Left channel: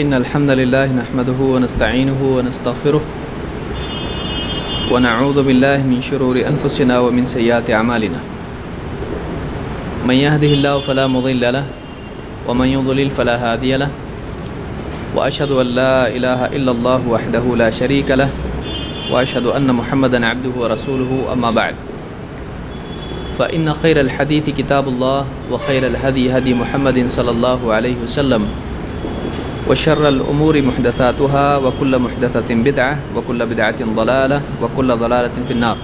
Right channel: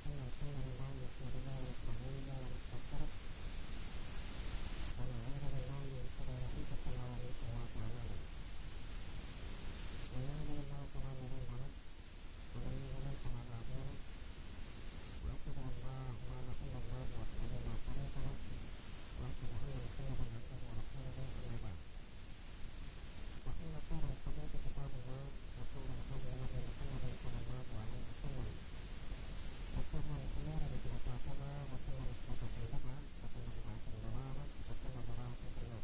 إن الحمد لله نحمده ونستعينه ونستغفره ونعوذ بالله من شرور أنفسنا ومن سيئات أعمالنا من يهده الله فلا مضل له ومن يضلل فلا هادي له وأشهد أن لا إله إلا الله وحده لا شريك له وأشهد أن محمدا عبده ورسوله أما بعد فإن خير الحديث كتاب الله وخير الهدي هدي محمد صلى الله عليه وسلم وشر الأمور محدثاتها وكل محدثة بدعة وكل بدعة ضلالة وكل ضلالة في النار۔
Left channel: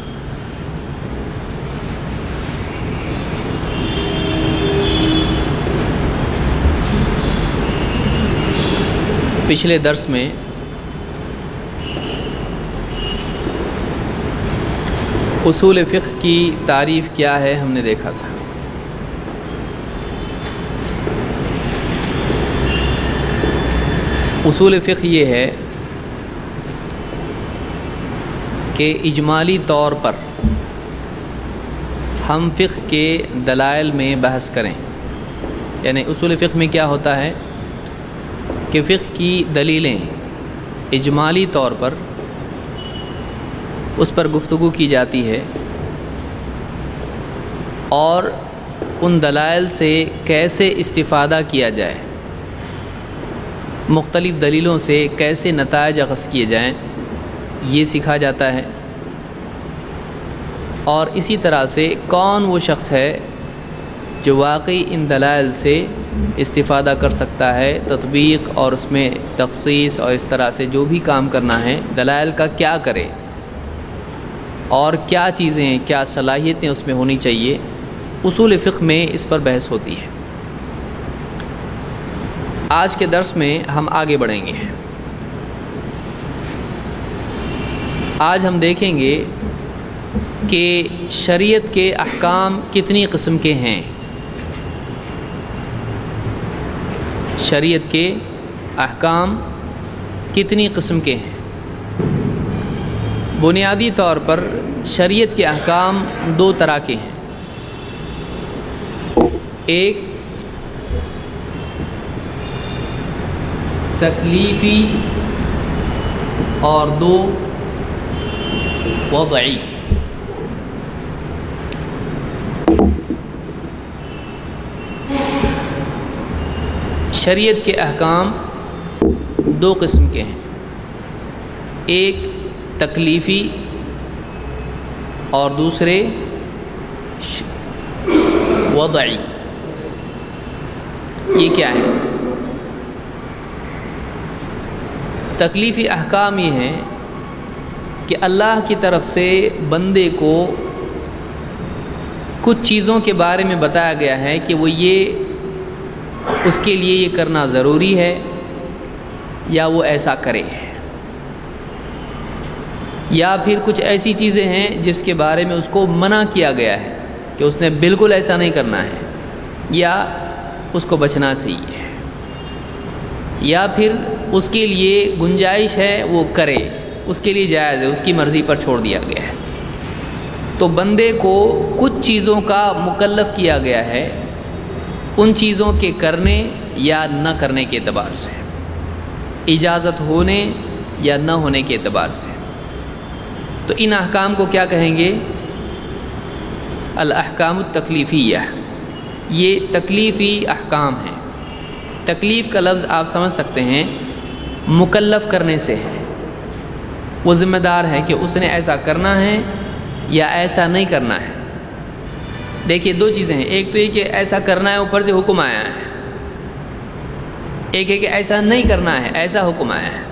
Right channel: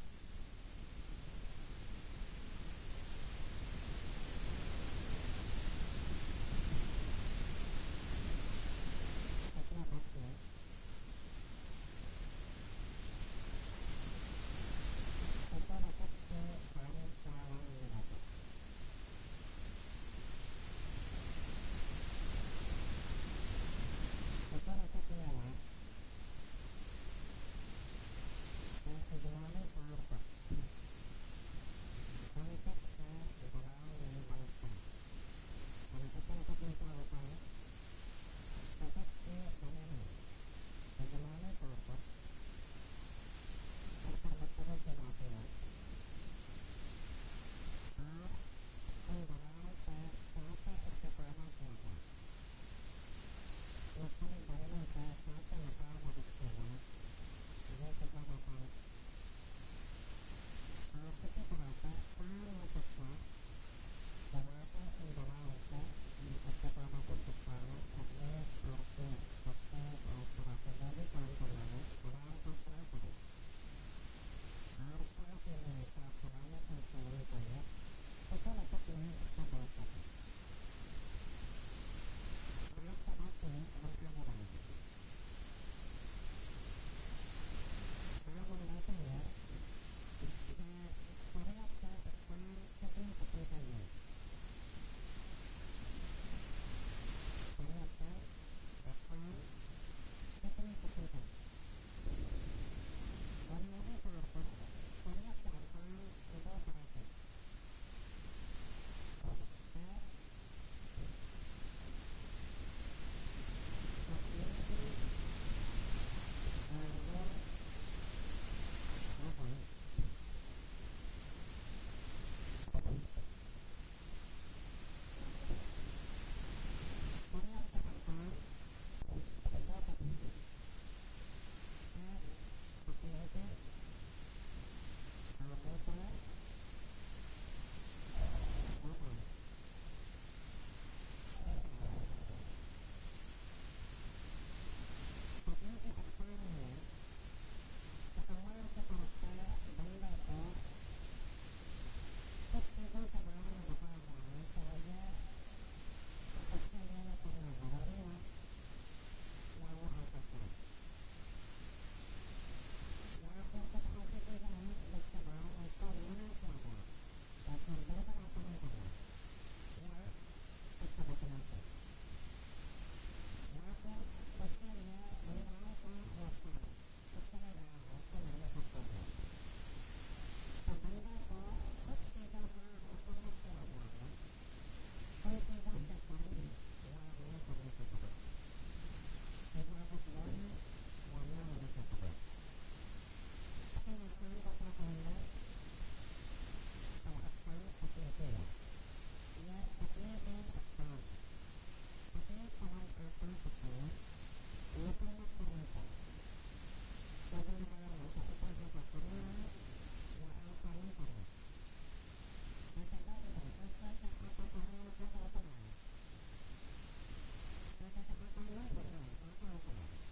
پچھلے درس میں اصول فقہ کی تعریف کیا ہے ہم نے دیکھا تھا۔ اصول فقہ یہ ہے کہ اجمالی طور پر ہم فقہ کے دلائل میں بحث کریں، یعنی اصول فقہ میں کیا ہوتا ہے کہ فقہ کی دلیلیں اجمالی طور پر اس پر گفتگو کی جاتی ہے اور ان دلائل سے کیسے استفادہ کیا جائے، مختلف دلیلوں سے کیسے نتائج اخذ کیے جائیں، یہ سکھا جاتا ہے۔ اور اسی طرح سے کون وہ شخص ہے جو واقعی ان دلائل سے استفادہ کر سکتا ہے، تطبیق اور اس میں تخصیص اور اس طرح سے جو بھی کام کرنا ہے دلائل کا کیا کرے اور کیا چیزیں کیا صلاحیتیں اس میں ہونی چاہیے۔ اصول فقہ میں اس پر بحث ہوتی ہے۔ آج کے درس میں ہم آگے بڑھیں گے۔ آج ہم دیکھیں گے کہ شریعت کے احکام کتنی قسم کے ہیں۔ شریعت کے احکام کتنی قسم کے ہیں۔ بنیادی طور پر شریعت کے احکام دو طرح کے ہیں، ایک تکلیفی اور دو وضعی۔ شریعت کے احکام دو قسم کے ہیں، ایک تکلیفی اور دوسرے وضعی۔ یہ کیا ہے؟ تکلیفی احکام یہ ہیں کہ اللہ کی طرف سے بندے کو کچھ چیزوں کے بارے میں بتایا گیا ہے کہ وہ یہ اس کے لیے یہ کرنا ضروری ہے یا وہ ایسا کرے، یا پھر کچھ ایسی چیزیں ہیں جس کے بارے میں اس کو منع کیا گیا ہے کہ اس نے بالکل ایسا نہیں کرنا ہے یا اس کو بچنا چاہیے، یا پھر اس کے لیے گنجائش ہے وہ کرے، اس کے لیے جائز ہے، اس کی مرضی پر چھوڑ دیا گیا ہے۔ تو بندے کو کچھ چیزوں کا مکلف کیا گیا ہے ان چیزوں کے کرنے یا نہ کرنے کے اعتبار سے، اجازت ہونے یا نہ ہونے کے اعتبار سے۔ تو ان احکام کو کیا کہیں گے؟ الاحکام التکلیفیہ۔ یہ تکلیفی احکام ہیں۔ تکلیف کا لفظ آپ سمجھ سکتے ہیں مکلف کرنے سے ہے، وہ ذمہ دار ہے کہ اس نے ایسا کرنا ہے یا ایسا نہیں کرنا ہے۔ دیکھیے دو چیزیں ہیں، ایک تو یہ کہ ایسا کرنا ہے اوپر سے حکم آیا ہے، ایک ہے کہ ایسا نہیں کرنا ہے ایسا حکم آیا ہے،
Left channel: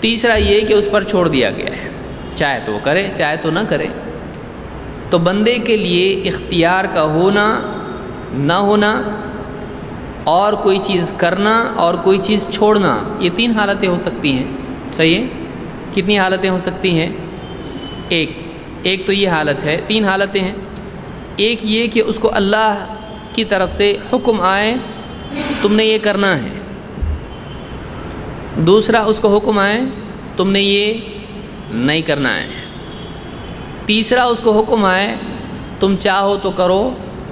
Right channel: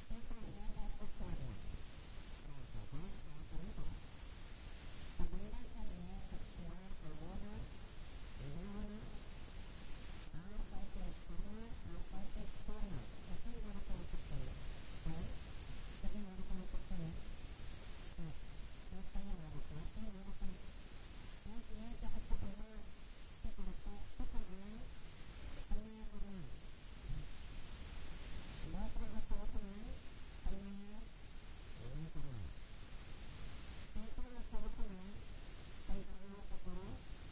تیسرا یہ کہ اس پر چھوڑ دیا گیا ہے، چاہے تو وہ کرے چاہے تو نہ کرے۔ تو بندے کے لیے اختیار کا ہونا نہ ہونا اور کوئی چیز کرنا اور کوئی چیز چھوڑنا، یہ تین حالتیں ہو سکتی ہیں، صحیح ہے؟ کتنی حالتیں ہو سکتی ہیں؟ ایک تو یہ حالت ہے، تین حالتیں ہیں۔ ایک یہ کہ اس کو اللہ کی طرف سے حکم آئے تم نے یہ کرنا ہے، دوسرا اس کو حکم آئے تم نے یہ نہیں کرنا ہے، تیسرا اس کو حکم آئے تم چاہو تو کرو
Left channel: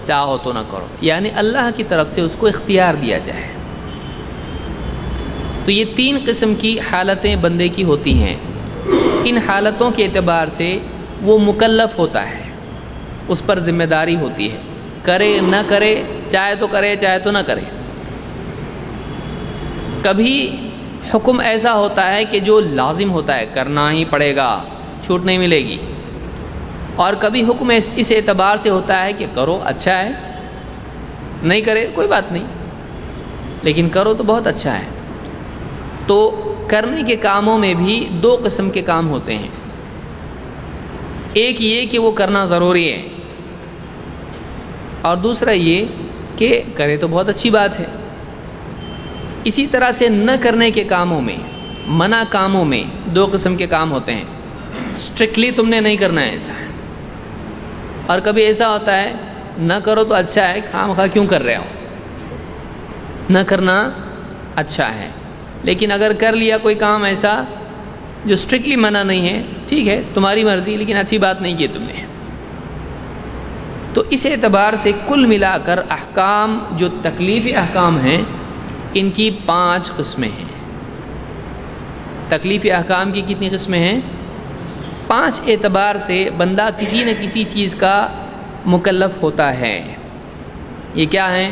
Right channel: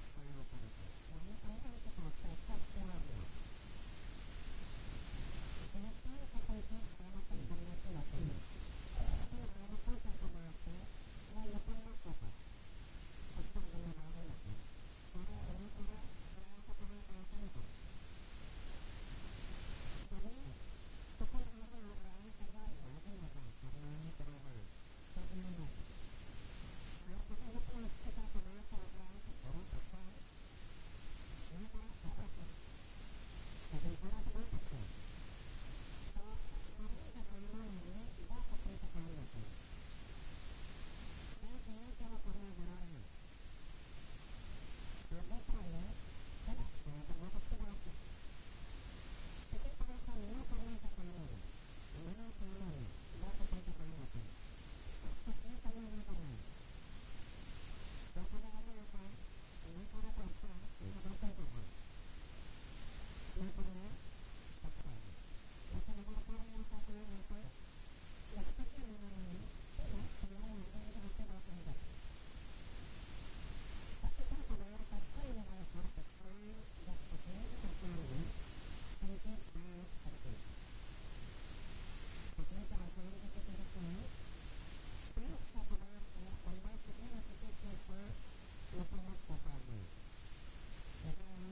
چاہو تو نہ کرو، یعنی اللہ کی طرف سے اس کو اختیار دیا جائے۔ تو یہ 3 قسم کی حالتیں بندے کی ہوتی ہیں. ان حالتوں کے اعتبار سے وہ مکلف ہوتا ہے، اس پر ذمہ داری ہوتی ہے، کرے نہ کرے، چاہے تو کرے چاہے تو نہ کرے. کبھی حکم ایسا ہوتا ہے کہ جو لازم ہوتا ہے، کرنا ہی پڑے گا، چھوٹ نہیں ملے گی. اور کبھی حکم اس اعتبار سے ہوتا ہے کہ کرو اچھا ہے، نہیں کرے کوئی بات نہیں، لیکن کرو تو بہت اچھا ہے. تو کرنے کے کاموں میں بھی 2 قسم کے کام ہوتے ہیں. ایک یہ کہ وہ کرنا ضروری ہے، اور دوسرا یہ کہ کرے تو بہت اچھی بات ہے. اسی طرح سے نہ کرنے کے کاموں میں، منع کاموں میں 2 قسم کے کام ہوتے ہیں. اسٹرکٹلی تم نے نہیں کرنا ہے ایسا، اور کبھی ایسا ہوتا ہے نہ کرو تو اچھا ہے، خواہ مخواہ کیوں کر رہے ہو، نہ کرنا اچھا ہے. لیکن اگر کر لیا کوئی کام ایسا جو اسٹرکٹلی منع نہیں ہے، ٹھیک ہے تمہاری مرضی، لیکن اچھی بات نہیں کی تم نے. تو اس اعتبار سے کل ملا کر احکام جو تکلیفی احکام ہیں ان کی 5 قسمیں ہیں. تکلیفی احکام کی کتنی قسمیں ہیں؟ 5 اعتبار سے بندہ کسی نہ کسی چیز کا مکلف ہوتا ہے. یہ کیا ہیں؟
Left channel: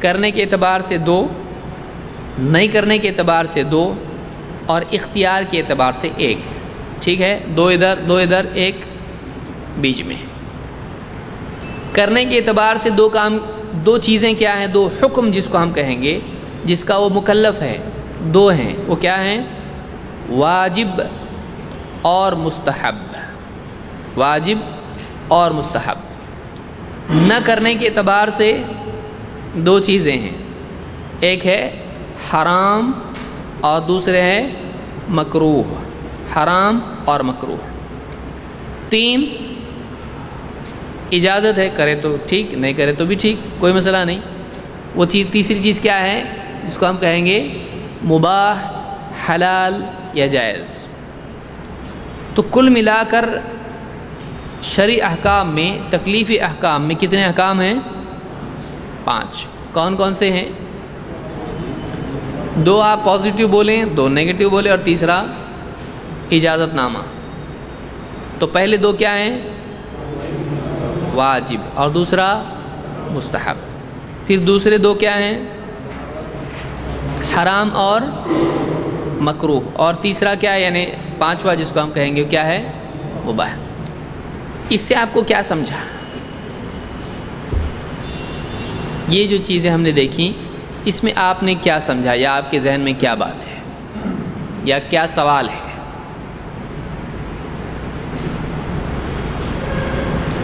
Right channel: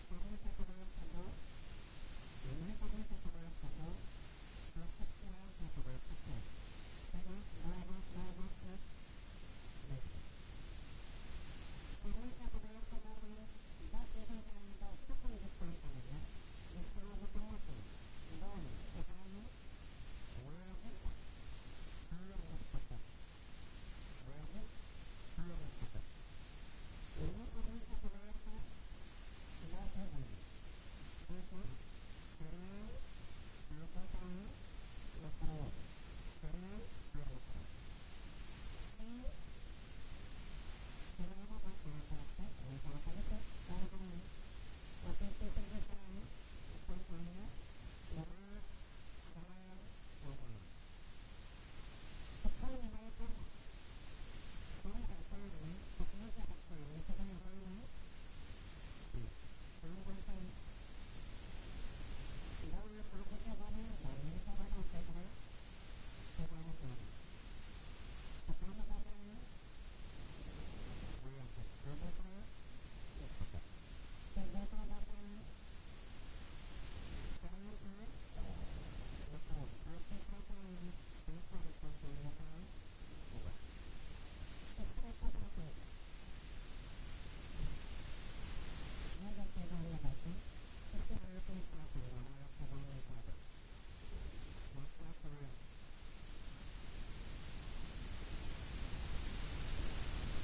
کرنے کے اعتبار سے 2، نہیں کرنے کے اعتبار سے 2، اور اختیار کے اعتبار سے 1. ٹھیک ہے، 2 ادھر 2 ادھر، 1 بیچ میں. کرنے کے اعتبار سے 2 کام، 2 چیزیں کیا ہیں؟ 2 حکم جس کو ہم کہیں گے، جس کا وہ مکلف ہے، 2 ہیں. وہ کیا ہیں؟ واجب اور مستحب. واجب اور مستحب. نہ کرنے کے اعتبار سے 2 چیزیں ہیں، ایک ہے حرام اور دوسرے ہے مکروہ. حرام اور مکروہ. 3 اجازت ہے، کرے تو ٹھیک، نہیں کرے تو بھی ٹھیک، کوئی مسئلہ نہیں. وہ تیسری چیز کیا ہے جس کو ہم کہیں گے مباح، حلال یا جائز. تو کل ملا کر شرعی احکام میں، تکلیفی احکام میں کتنے احکام ہیں؟ 5. کون کون سے ہیں؟ 2 آپ پازیٹیو بولیں، 2 نیگیٹو بولیں، اور تیسرا اجازت نامہ. تو پہلے 2 کیا ہیں؟ واجب، اور دوسرا مستحب. پھر دوسرے 2 کیا ہیں؟ حرام اور مکروہ. اور تیسرا کیا ہے، یعنی 5واں جس کو ہم کہیں گے کیا ہے؟ مباح. اس سے آپ کو کیا سمجھا؟ یہ جو چیزیں ہم نے دیکھیں، اس میں آپ نے کیا سمجھا، یا آپ کے ذہن میں کیا بات ہے، یا کیا سوال ہے؟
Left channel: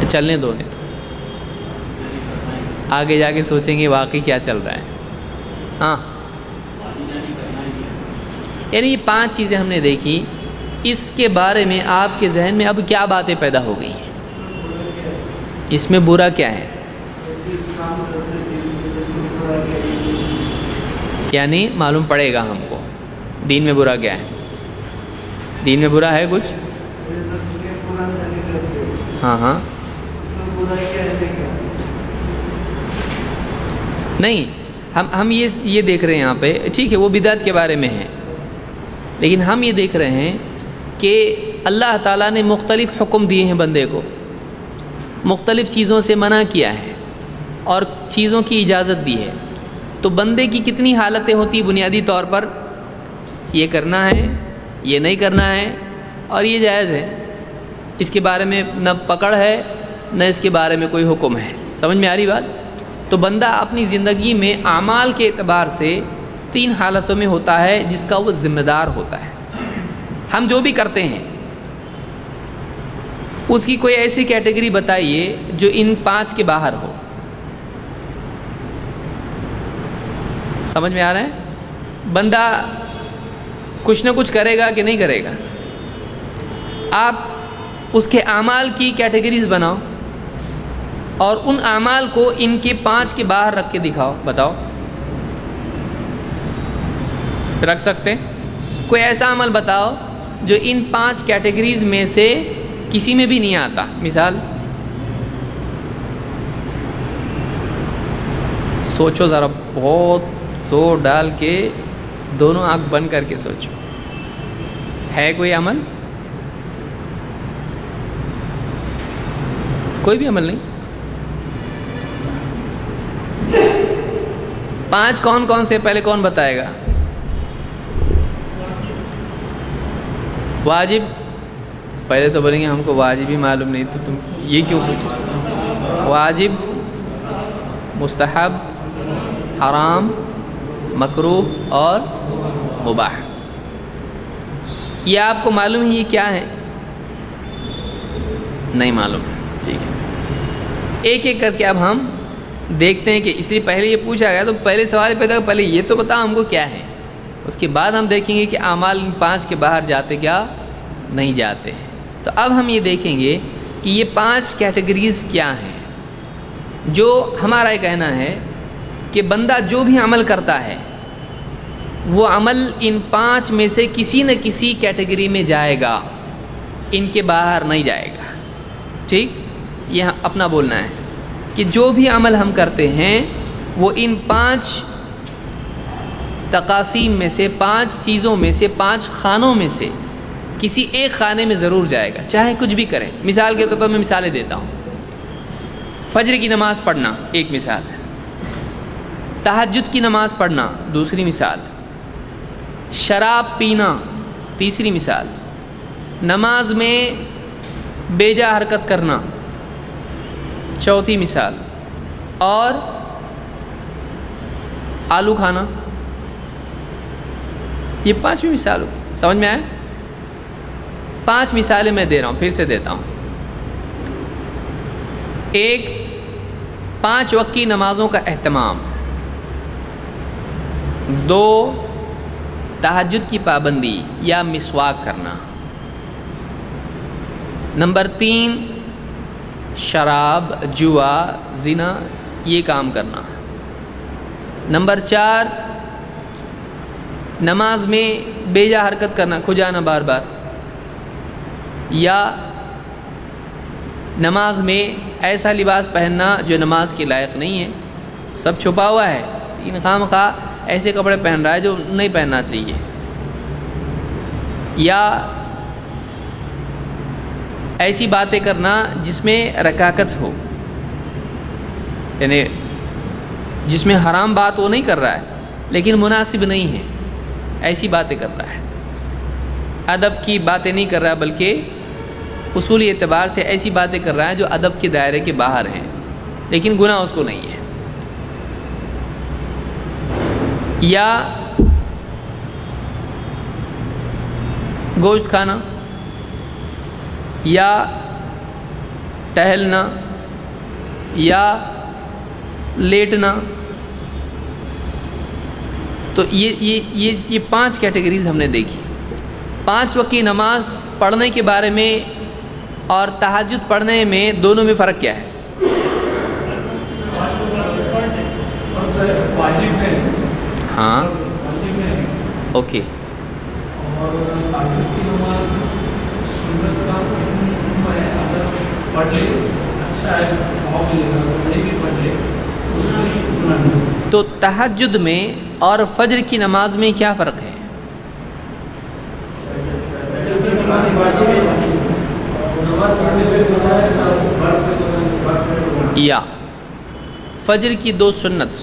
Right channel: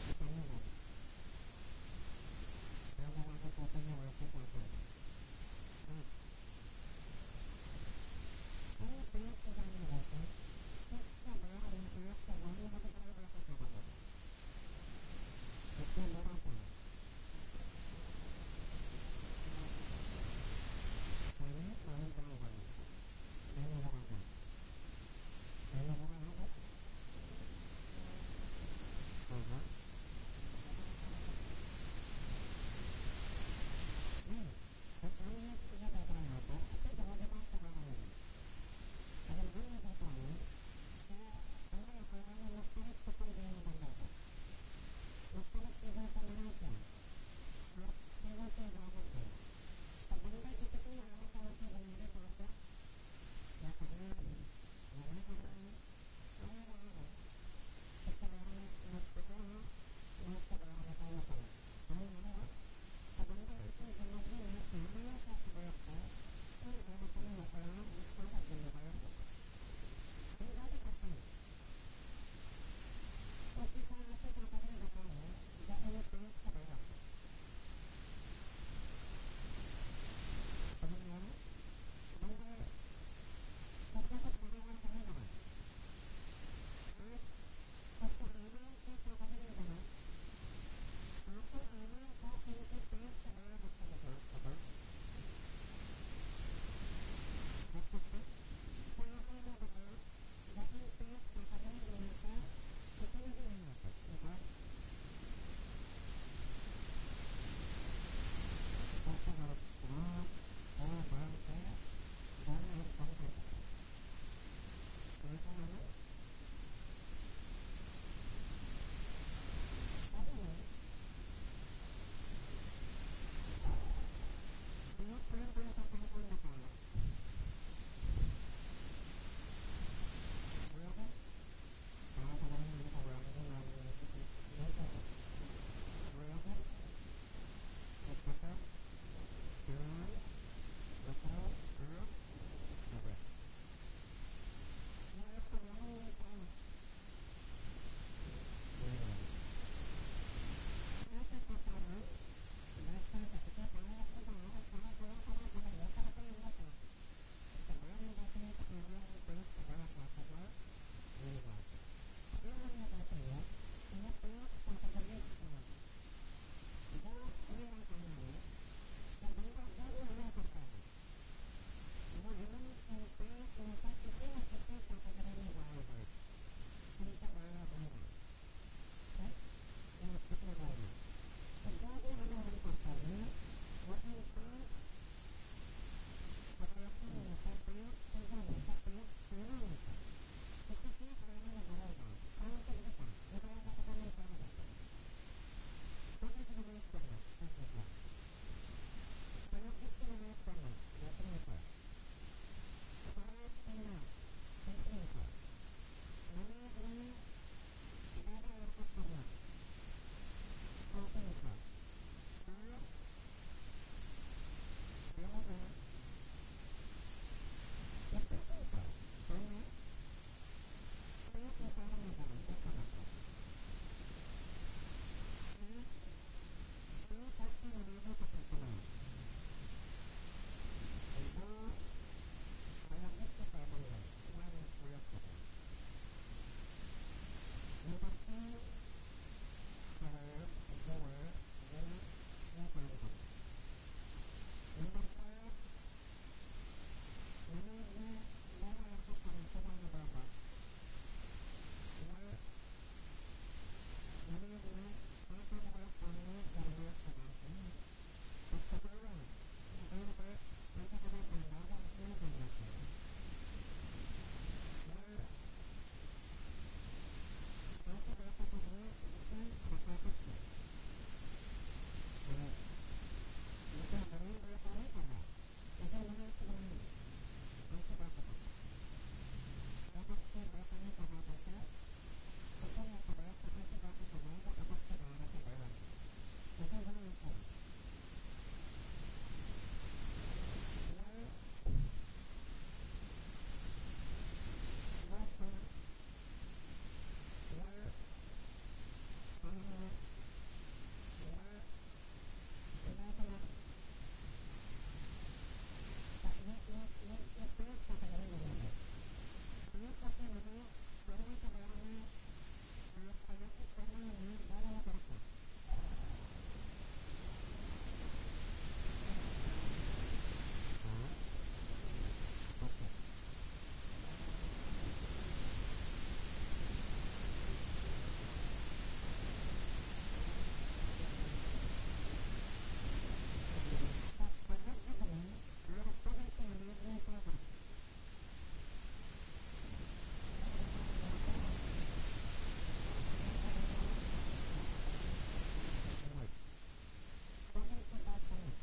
چلنے دو، نہیں تو آگے جا کے سوچیں گے واقعی کیا چل رہا ہے. ہاں، یعنی یہ 5 چیزیں ہم نے دیکھی، اس کے بارے میں آپ کے ذہن میں اب کیا باتیں پیدا ہو گئی ہیں؟ اس میں برا کیا ہے؟ یعنی معلوم پڑے گا ہم کو دین میں برا کیا ہے. دین میں برا ہے کچھ؟ ہاں ہاں، نہیں، ہم یہ دیکھ رہے ہیں یہاں پہ، ٹھیک ہے وہ بدعت کے بارے میں ہے، لیکن ہم یہ دیکھ رہے ہیں کہ اللہ تعالیٰ نے مختلف حکم دیے ہیں بندے کو، مختلف چیزوں سے منع کیا ہے اور چیزوں کی اجازت دی ہے. تو بندے کی کتنی حالتیں ہوتی بنیادی طور پر؟ یہ کرنا ہے، یہ نہیں کرنا ہے، اور یہ جائز ہے. اس کے بارے میں نہ پکڑ ہے، نہ اس کے بارے میں کوئی حکم ہے. سمجھ میں آ رہی بات؟ تو بندہ اپنی زندگی میں اعمال کے اعتبار سے 3 حالتوں میں ہوتا ہے جس کا وہ ذمہ دار ہوتا ہے. ہم جو بھی کرتے ہیں اس کی کوئی ایسی کیٹیگری بتائیے جو ان 5 کے باہر ہو. سمجھ میں آ رہا ہے؟ بندہ کچھ نہ کچھ کرے گا کہ نہیں کرے گا. آپ اس کے اعمال کی کیٹیگریز بناؤ اور ان اعمال کو ان کے 5 کے باہر رکھ کے دکھاؤ. بتاؤ، رکھ سکتے؟ کوئی ایسا عمل بتاؤ جو ان 5 کیٹیگریز میں سے کسی میں بھی نہیں آتا. مثال سوچو ذرا، بہت زور ڈال کے دونوں آنکھ بند کر کے سوچو، ہے کوئی عمل؟ کوئی بھی عمل نہیں۔ 5 کون کون سے پہلے کون بتائے گا؟ واجب، پہلے تو بولیں گے ہم کو واجب ہی معلوم نہیں، تو تم یہ کیوں پوچھے؟ واجب، مستحب، حرام، مکروہ اور مباح، یہ آپ کو معلوم ہی یہ کیا ہے؟ نہیں معلوم، ٹھیک ہے۔ ایک ایک کر کے اب ہم دیکھتے ہیں، کہ اس لیے پہلے یہ پوچھا گیا تو پہلے سوال پیدا پہلے یہ تو بتا ہم کو کیا ہے، اس کے بعد ہم دیکھیں گے کہ اعمال ان 5 کے باہر جاتے کیا نہیں جاتے۔ تو اب ہم یہ دیکھیں گے کہ یہ 5 کیٹیگریز کیا ہیں۔ جو ہمارا یہ کہنا ہے کہ بندہ جو بھی عمل کرتا ہے وہ عمل ان 5 میں سے کسی نہ کسی کیٹیگری میں جائے گا، ان کے باہر نہیں جائے گا، ٹھیک؟ یہ اپنا بولنا ہے کہ جو بھی عمل ہم کرتے ہیں وہ ان 5 تقاسیم میں سے، 5 چیزوں میں سے، 5 خانوں میں سے کسی ایک خانے میں ضرور جائے گا، چاہے کچھ بھی کرے۔ مثال کے طور پر میں مثالیں دیتا ہوں۔ فجر کی نماز پڑھنا ایک مثال ہے، تہجد کی نماز پڑھنا دوسری مثال، شراب پینا تیسری مثال، نماز میں بیجا حرکت کرنا چوتھی مثال، اور آلو کھانا، یہ 5ویں مثال ہو۔ سمجھ میں آیا؟ 5 مثالیں میں دے رہا ہوں، پھر سے دیتا ہوں۔ ایک، 5 وقت کی نمازوں کا اہتمام۔ 2، تہجد کی پابندی یا مسواک کرنا۔ نمبر 3، شراب، جوا، زنا، یہ کام کرنا۔ نمبر 4، نماز میں بیجا حرکت کرنا، کھجانا بار بار، یا نماز میں ایسا لباس پہننا جو نماز کے لائق نہیں ہے، سب چھپا ہوا ہے، لیکن خواہ ایسے کپڑے پہن رہا ہے جو نہیں پہننا چاہیے، یا ایسی باتیں کرنا جس میں رکاکت ہو، یعنی جس میں حرام بات وہ نہیں کر رہا ہے لیکن مناسب نہیں ہے، ایسی باتیں کر رہا ہے۔ ادب کی باتیں نہیں کر رہا بلکہ اصولی اعتبار سے ایسی باتیں کر رہا ہے جو ادب کے دائرے کے باہر ہیں، لیکن گناہ اس کو نہیں ہے۔ یا گوشت کھانا، یا ٹہلنا، یا لیٹنا۔ تو یہ 5 کیٹیگریز ہم نے دیکھی۔ 5 وقت کی نماز پڑھنے کے بارے میں اور تہجد پڑھنے میں دونوں میں فرق کیا ہے؟ ہاں، اوکے۔ تو تہجد میں اور فجر کی نماز میں کیا فرق ہے؟ یا فجر کی 2 سنت،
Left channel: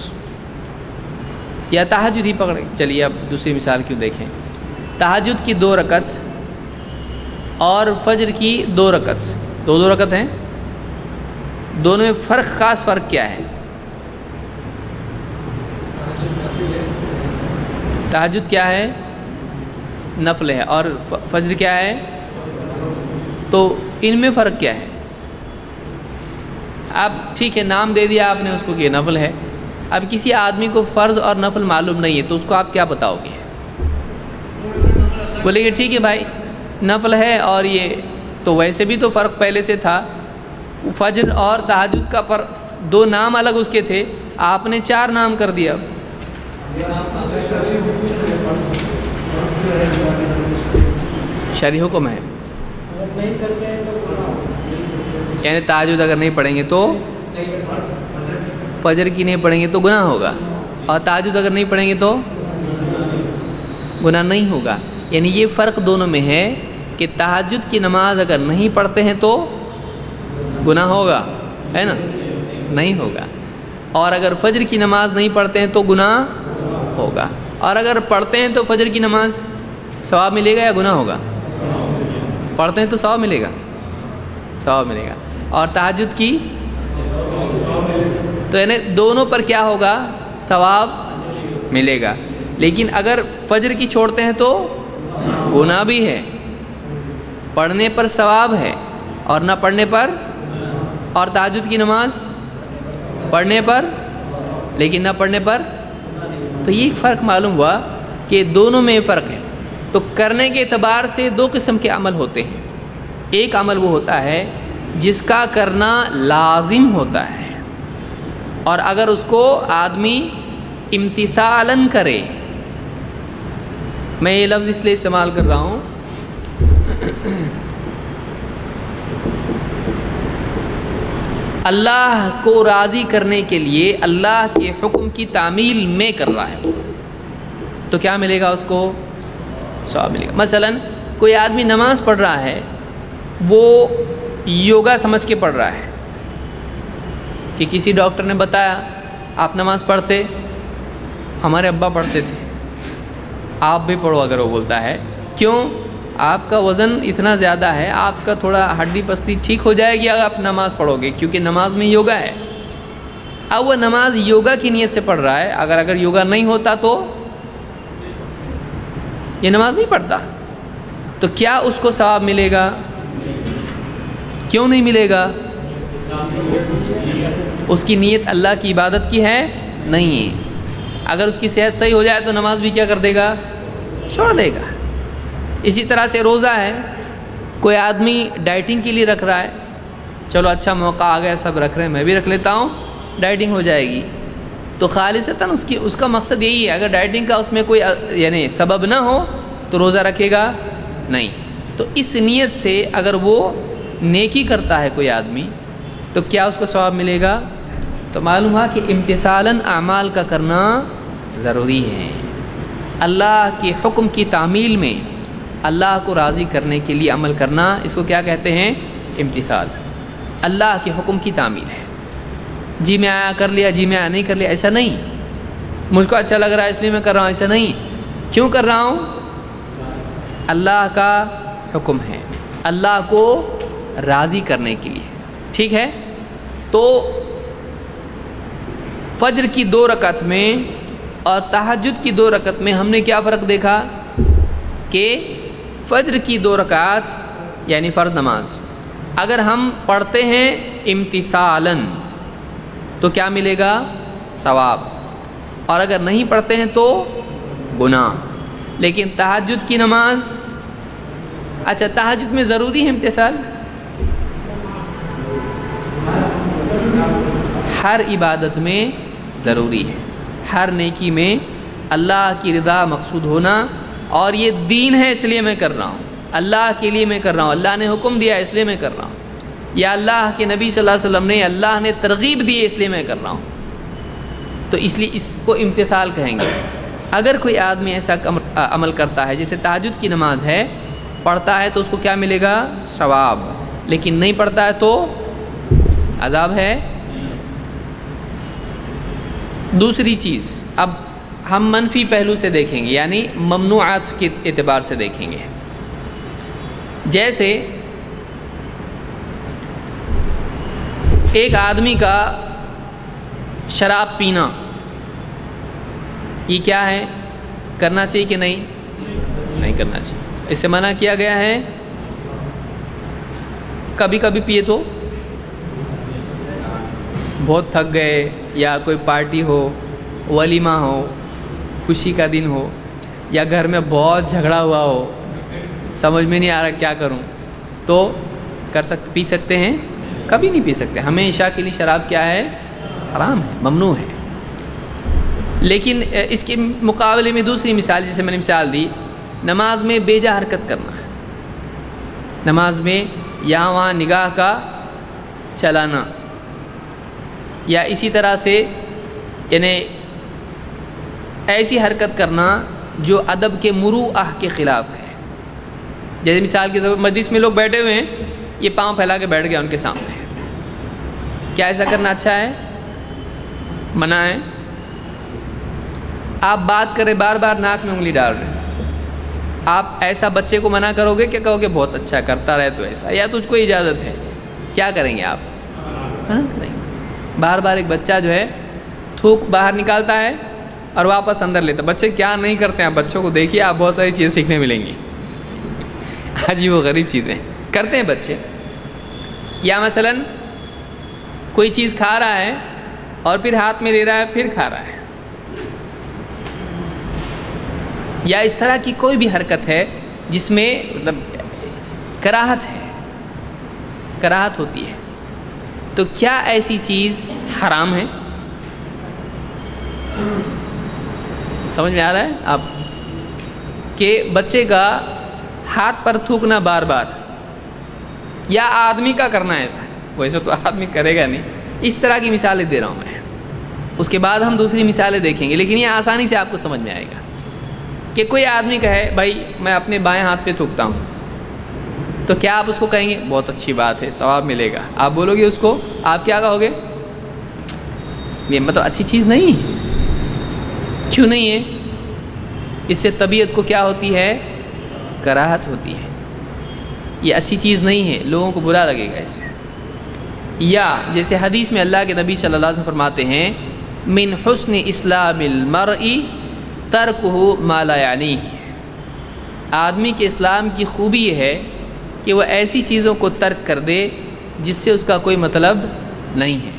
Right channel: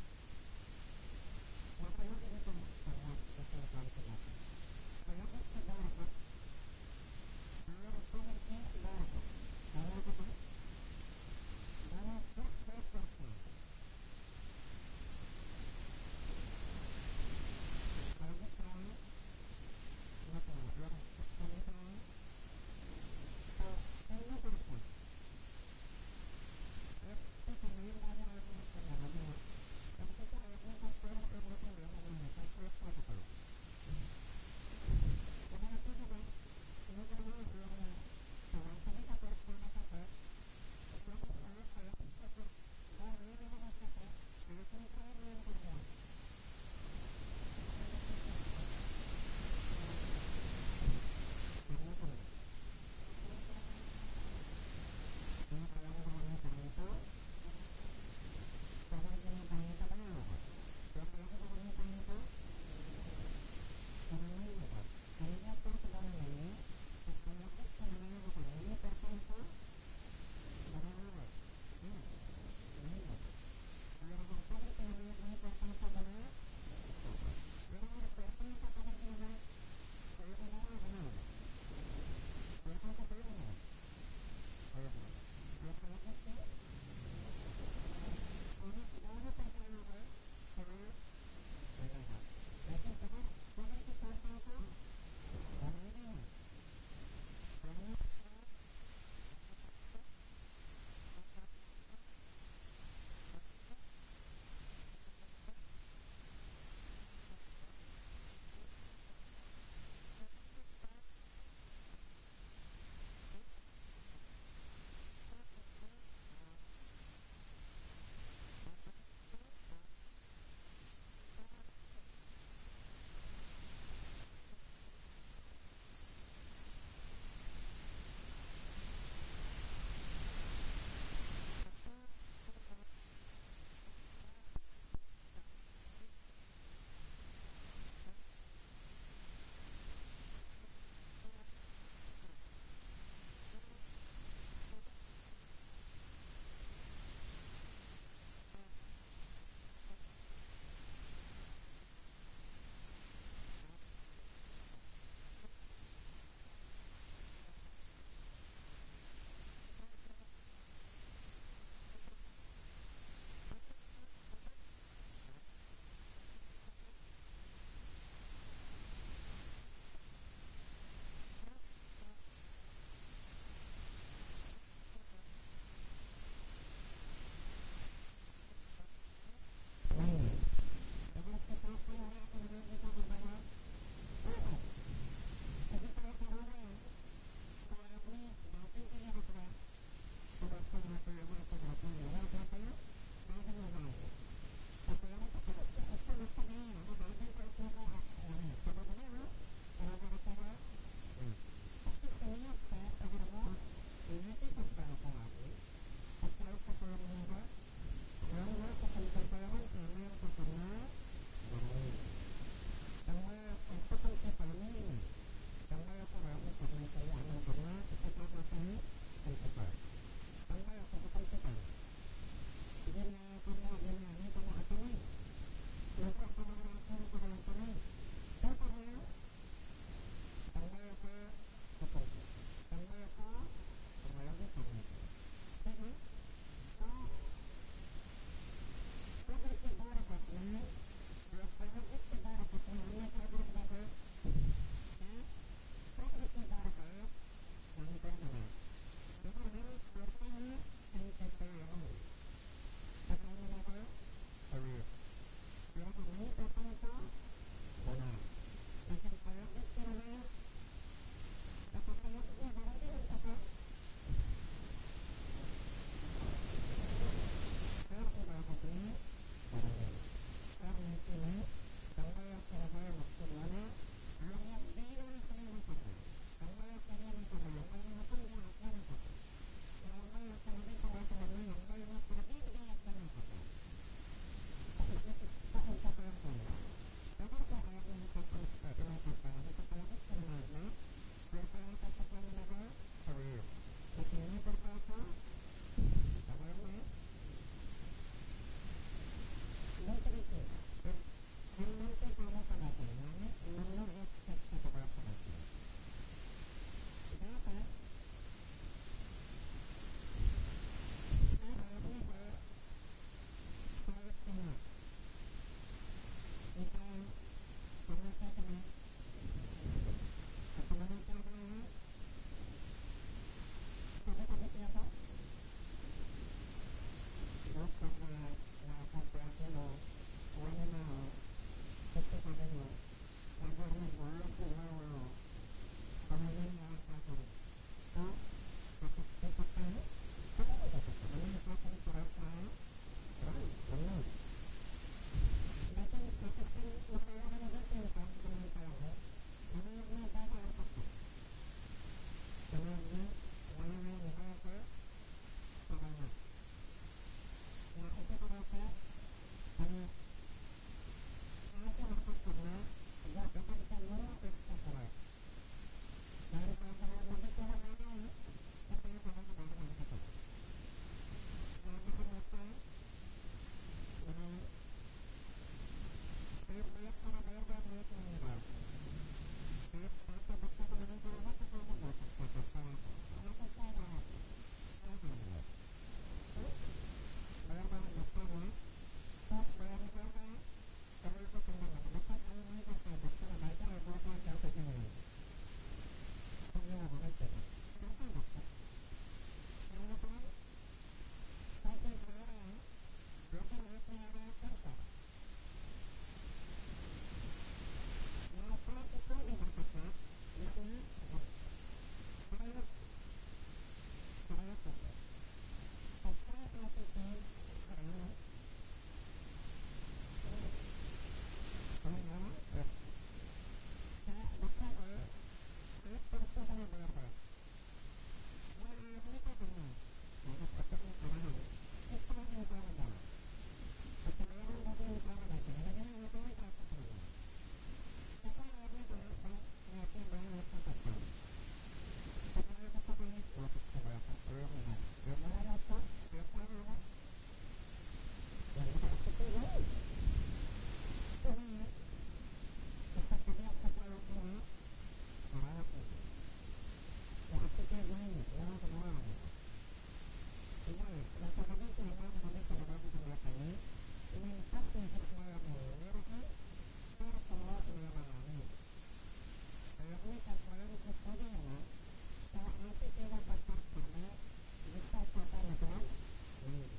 یا تہجد ہی پکڑ، چلیے اب دوسری مثال کیوں دیکھیں۔ تہجد کی 2 رکعت اور فجر کی 2 رکعت، 2 رکعت ہیں، دونوں میں فرق، خاص فرق کیا ہے؟ تہجد کیا ہے؟ نفل ہے، اور فجر کیا ہے؟ تو ان میں فرق کیا ہے؟ اب ٹھیک ہے، نام دے دیا آپ نے اس کو کہ نفل ہے، اب کسی آدمی کو فرض اور نفل معلوم نہیں ہے تو اس کو آپ کیا بتاؤ گے؟ بولے گے ٹھیک ہے بھائی نفل ہے، اور یہ تو ویسے بھی تو فرق پہلے سے تھا، فجر اور تہجد کا فرق، 2 نام الگ اس کے تھے، آپ نے 4 نام کر دیا۔ شرعی حکم ہے، یعنی تہجد اگر نہیں پڑھیں گے تو فجر کی نہیں پڑھیں گے تو گناہ ہوگا، اور تہجد اگر نہیں پڑھیں گے تو گناہ نہیں ہوگا. یعنی یہ فرق دونوں میں ہے کہ تہجد کی نماز اگر نہیں پڑھتے ہیں تو گناہ ہوگا، ہے نا، نہیں ہوگا. اور اگر فجر کی نماز نہیں پڑھتے ہیں تو گناہ ہوگا. اور اگر پڑھتے ہیں تو فجر کی نماز ثواب ملے گا یا گناہ ہوگا؟ پڑھتے ہیں تو ثواب ملے گا، ثواب ملے گا. اور تہجد کی تو یعنی دونوں پر کیا ہوگا؟ ثواب ملے گا. لیکن اگر فجر کی چھوڑتے ہیں تو گناہ بھی ہے، پڑھنے پر ثواب ہے اور نہ پڑھنے پر. اور تہجد کی نماز پڑھنے پر لیکن نہ پڑھنے پر. تو یہ ایک فرق معلوم ہوا کہ دونوں میں فرق ہے. تو کرنے کے اعتبار سے دو قسم کے عمل ہوتے ہیں. ایک عمل وہ ہوتا ہے جس کا کرنا لازم ہوتا ہے، اور اگر اس کو آدمی امتثالاً کرے. میں یہ لفظ اس لیے استعمال کر رہا ہوں اللہ کو راضی کرنے کے لیے اللہ کے حکم کی تعمیل میں کر رہا ہے تو کیا ملے گا؟ اس کو ثواب ملے گا. مثلاً کوئی آدمی نماز پڑھ رہا ہے، وہ یوگا سمجھ کے پڑھ رہا ہے کہ کسی ڈاکٹر نے بتایا آپ نماز پڑھتے، ہمارے ابا پڑھتے تھے، آپ بھی پڑھو. اگر وہ بولتا ہے کیوں؟ آپ کا وزن اتنا زیادہ ہے، آپ کا تھوڑا ہڈی پستی ٹھیک ہو جائے گی اگر آپ نماز پڑھو گے، کیونکہ نماز میں یوگا ہے. اب وہ نماز یوگا کی نیت سے پڑھ رہا ہے. اگر یوگا نہیں ہوتا تو یہ نماز نہیں پڑھتا. تو کیا اس کو ثواب ملے گا؟ کیوں نہیں ملے گا؟ اس کی نیت اللہ کی عبادت کی ہے نہیں ہے. اگر اس کی صحت صحیح ہو جائے تو نماز بھی کیا کر دے گا؟ چھوڑ دے گا. اسی طرح سے روزہ ہے، کوئی آدمی ڈائٹنگ کے لیے رکھ رہا ہے، چلو اچھا موقع آ گیا، سب رکھ رہے ہیں میں بھی رکھ لیتا ہوں، ڈائٹنگ ہو جائے گی. تو خالصتاً اس کا مقصد یہی ہے. اگر ڈائٹنگ کا اس میں کوئی یعنی سبب نہ ہو تو روزہ رکھے گا نہیں. تو اس نیت سے اگر وہ نیکی کرتا ہے کوئی آدمی تو کیا اس کو ثواب ملے گا؟ تو معلوم ہوا کہ امتثالاً اعمال کا کرنا ضروری ہے. اللہ کے حکم کی تعمیل میں اللہ کو راضی کرنے کے لیے عمل کرنا، اس کو کیا کہتے ہیں؟ امتثال. اللہ کے حکم کی تعمیل ہے. جی میں آیا کر لیا، جی میں آیا نہیں کر لیا، ایسا نہیں. مجھ کو اچھا لگ رہا ہے اس لیے میں کر رہا ہوں، ایسا نہیں. کیوں کر رہا ہوں؟ اللہ کا حکم ہے، اللہ کو راضی کرنے کے لیے. ٹھیک ہے. تو فجر کی 2 رکعت میں اور تہجد کی 2 رکعت میں ہم نے کیا فرق دیکھا کہ فجر کی 2 رکعت یعنی فرض نماز اگر ہم پڑھتے ہیں امتثالاً تو کیا ملے گا؟ ثواب. اور اگر نہیں پڑھتے ہیں تو گناہ. لیکن تہجد کی نماز، اچھا تہجد میں ضروری ہے امتثال؟ ہر عبادت میں ضروری ہے، ہر نیکی میں اللہ کی رضا مقصود ہونا. اور یہ دین ہے اس لیے میں کر رہا ہوں، اللہ کے لیے میں کر رہا ہوں، اللہ نے حکم دیا اس لیے میں کر رہا ہوں، یا اللہ کے نبی صلی اللہ علیہ وسلم نے، اللہ نے ترغیب دی اس لیے میں کر رہا ہوں. تو اس لیے اس کو امتثال کہیں گے. اگر کوئی آدمی ایسا عمل کرتا ہے جیسے تہجد کی نماز ہے، پڑھتا ہے تو اس کو کیا ملے گا؟ ثواب. لیکن نہیں پڑھتا ہے تو عذاب ہے. دوسری چیز اب ہم منفی پہلو سے دیکھیں گے، یعنی ممنوعات کے اعتبار سے دیکھیں گے. جیسے ایک آدمی کا شراب پینا، یہ کیا ہے؟ کرنا چاہیے کہ نہیں؟ نہیں کرنا چاہیے. اس سے منع کیا گیا ہے. کبھی کبھی پیے تو بہت تھک گئے، یا کوئی پارٹی ہو، ولیمہ ہو، خوشی کا دن ہو، یا گھر میں بہت جھگڑا ہوا ہو، سمجھ میں نہیں آ رہا کیا کروں، تو پی سکتے ہیں. کبھی نہیں پی سکتے. ہمیشہ کے لیے شراب کیا ہے؟ حرام ہے، ممنوع ہے. لیکن اس کے مقابلے میں دوسری مثال، جیسے میں نے مثال دی، نماز میں بے جا حرکت کرنا ہے. نماز میں یہاں وہاں نگاہ کا چلانا، یا اسی طرح سے یعنی ایسی حرکت کرنا جو ادب کے مروءہ کے خلاف ہے. جیسے مثال کے طور پر مجلس میں لوگ بیٹھے ہوئے ہیں, یہ پاؤں پھیلا کے بیٹھ گیا ان کے سامنے, کیا ایسا کرنا اچھا ہے؟ منع ہے. آپ بات کریں بار بار ناک میں انگلی ڈال رہے ہیں, آپ ایسا بچے کو منع کرو گے کہ کہو گے بہت اچھا کرتا رہے تو ایسا, یا تجھ کو اجازت ہے, کیا کریں گے آپ؟ منع کریں گے. بار بار ایک بچہ جو ہے تھوک باہر نکالتا ہے اور واپس اندر لیتا. بچے کیا نہیں کرتے ہیں, آپ بچوں کو دیکھیے, آپ بہت ساری چیزیں سیکھنے ملیں گی. عجیب و غریب چیزیں کرتے ہیں بچے. یا مثلاً کوئی چیز کھا رہا ہے اور پھر ہاتھ میں دے رہا ہے, پھر کھا رہا ہے. یا اس طرح کی کوئی بھی حرکت ہے جس میں مطلب کراہت ہے, کراہت ہوتی ہے, تو کیا ایسی چیز حرام ہے؟ سمجھ میں آ رہا ہے آپ کہ بچے کا ہاتھ پر تھوکنا بار بار, یا آدمی کا کرنا ایسا, ویسے تو آدمی کرے گا نہیں. اس طرح کی مثالیں دے رہا ہوں میں. اس کے بعد ہم دوسری مثالیں دیکھیں گے, لیکن یہ آسانی سے آپ کو سمجھ میں آئے گا کہ کوئی آدمی کہے بھائی میں اپنے بائیں ہاتھ پہ تھوکتا ہوں, تو کیا آپ اس کو کہیں گے بہت اچھی بات ہے, ثواب ملے گا؟ آپ بولو گے اس کو, آپ کیا کہو گے؟ یہ مطلب اچھی چیز نہیں. کیوں نہیں ہے؟ اس سے طبیعت کو کیا ہوتی ہے؟ کراہت ہوتی ہے. یہ اچھی چیز نہیں ہے, لوگوں کو برا لگے گا اس سے. یا جیسے حدیث میں اللہ کے نبی صلی اللہ علیہ وسلم فرماتے ہیں من حسن اسلام المرء ترکہ ما لا یعنیہ, آدمی کے اسلام کی خوبی یہ ہے کہ وہ ایسی چیزوں کو ترک کر دے جس سے اس کا کوئی مطلب نہیں ہے.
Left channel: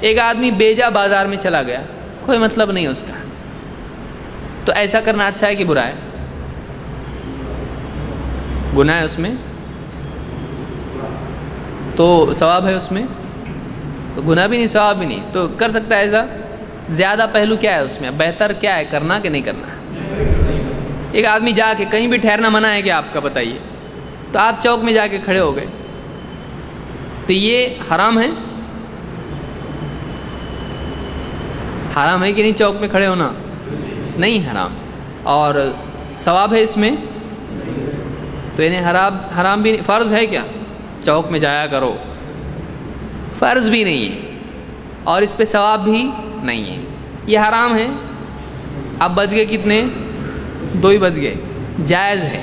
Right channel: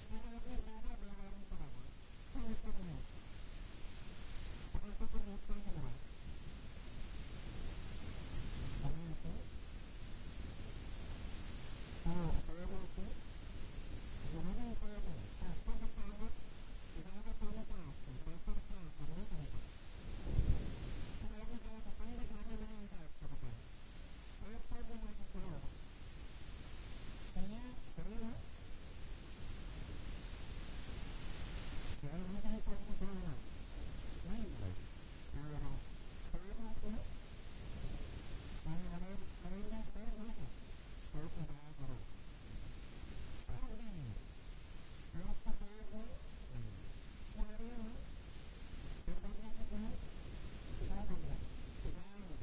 ایک آدمی بیجا بازار میں چلا گیا, کوئی مطلب نہیں اس کا, تو ایسا کرنا اچھا ہے کہ برا ہے؟ گناہ ہے اس میں, تو ثواب ہے اس میں, تو گناہ بھی نہیں ثواب بھی نہیں, تو کر سکتا ہے ایسا. زیادہ پہلو کیا ہے اس میں, بہتر کیا ہے, کرنا کہ نہیں کرنا؟ ایک آدمی جا کے کہیں بھی ٹھہرنا منع ہے کہ آپ کا بتائیے, تو آپ چوک میں جا کے کھڑے ہو گئے, تو یہ حرام ہے؟ حرام ہے کہ نہیں چوک میں کھڑے ہونا؟ نہیں حرام. اور ثواب ہے اس میں؟ تو انہیں حرام بھی نہیں, فرض ہے کیا چوک میں جایا کرو؟ فرض بھی نہیں ہے, اور اس پہ ثواب بھی نہیں ہے. یہ حرام ہے. اب بچ گئے کتنے؟ 2 ہی بچ گئے. جائز ہے.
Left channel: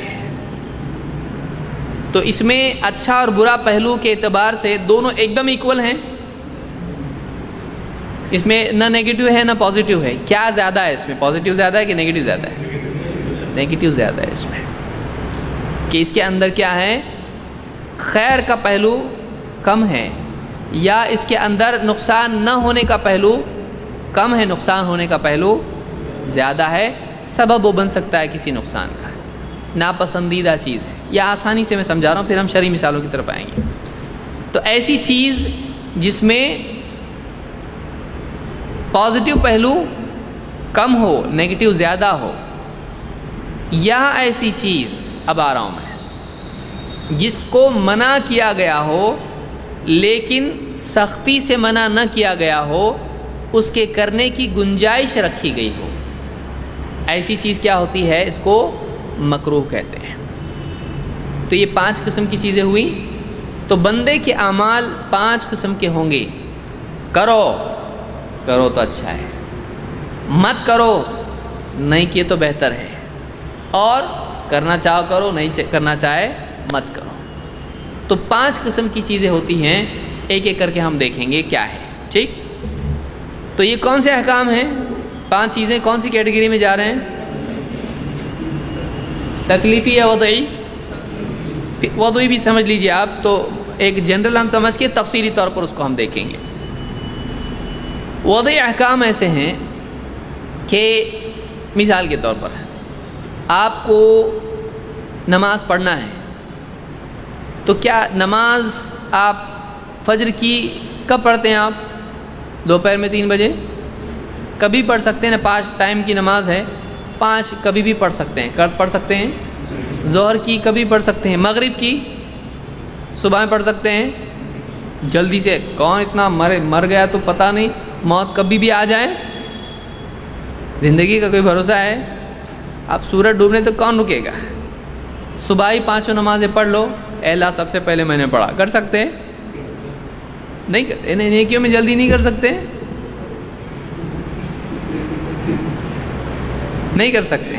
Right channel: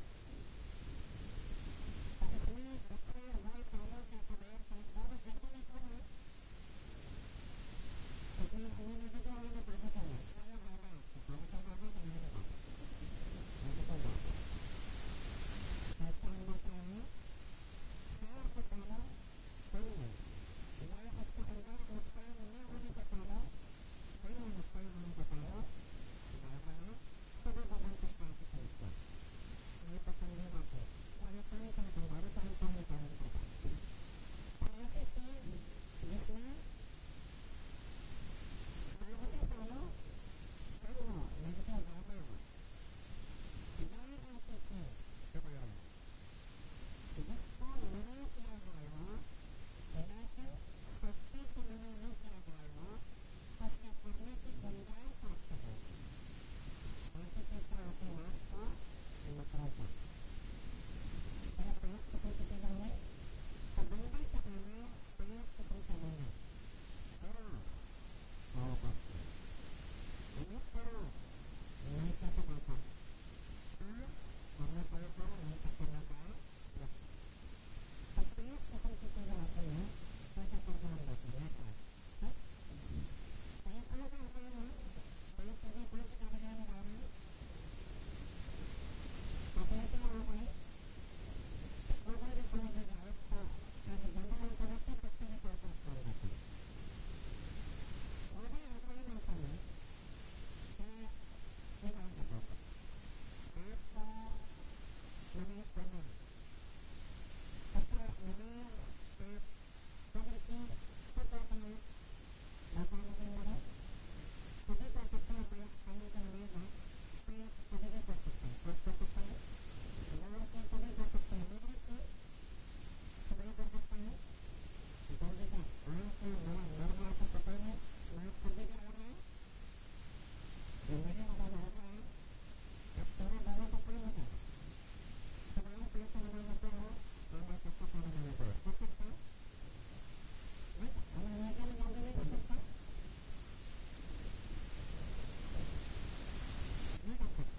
تو اس میں اچھا اور برا پہلو کے اعتبار سے دونوں ایک دم ایکول ہیں. اس میں نہ نیگیٹو ہے نہ پازیٹیو ہے. کیا زیادہ ہے اس میں, پازیٹیو زیادہ ہے کہ نیگیٹو زیادہ ہے؟ نیگیٹو زیادہ ہے اس میں, کہ اس کے اندر کیا ہے, خیر کا پہلو کم ہے, یا اس کے اندر نقصان نہ ہونے کا پہلو کم ہے, نقصان ہونے کا پہلو زیادہ ہے. سبب وہ بن سکتا ہے کسی نقصان کا, ناپسندیدہ چیز ہے. یا آسانی سے میں سمجھا رہا ہوں, پھر ہم شرعی مثالوں کی طرف آئیں گے. تو ایسی چیز جس میں پازیٹیو پہلو کم ہو, نیگیٹو زیادہ ہو, یا ایسی چیز, اب آ رہا ہوں میں, جس کو منع کیا گیا ہو لیکن سختی سے منع نہ کیا گیا ہو, اس کے کرنے کی گنجائش رکھی گئی ہو, ایسی چیز کیا ہوتی ہے, اس کو مکروہ کہتے ہیں. تو یہ 5 قسم کی چیزیں ہوئی. تو بندے کے اعمال 5 قسم کے ہوں گے. کرو تو اچھا ہے, مت کرو نہیں کیے تو بہتر ہے, اور کرنا چاہو کرو, نہیں کرنا چاہے مت کرو. تو 5 قسم کی چیزیں ہوتی ہیں, ایک ایک کر کے ہم دیکھیں گے کیا ہے. ٹھیک, تو یہ کون سے احکام ہیں؟ 5 چیزیں کون سی کیٹیگری میں جا رہے ہیں؟ تکلیفی یا وضعی؟ وضعی بھی سمجھ لیجئے آپ, تو ایک جنرل ہم سمجھ کے تفصیلی طور پر اس کو ہم دیکھیں گے. وضعی احکام ایسے ہیں کہ مثال کے طور پر آپ کو نماز پڑھنا ہے, تو کیا نماز آپ فجر کی کب پڑھتے ہیں؟ آپ دوپہر میں 3 بجے کبھی پڑھ سکتے ہیں نا, 5 ٹائم کی نماز ہے, 5 کبھی بھی پڑھ سکتے ہیں. کب پڑھ سکتے ہیں؟ ظہر کی کبھی پڑھ سکتے ہیں, مغرب کی صبح میں پڑھ سکتے ہیں. جلدی سے, کون اتنا مر گیا تو پتہ نہیں, موت کبھی بھی آ جائے, زندگی کا کوئی بھروسہ ہے؟ اب سورج ڈوبنے تو کون رکے گا؟ صبح ہی 5 نمازیں پڑھ لو، اے اللہ سب سے پہلے میں نے پڑھا، کر سکتے ہیں؟ نہیں کرتے، نیکیوں میں جلدی نہیں کر سکتے، نہیں کر سکتے۔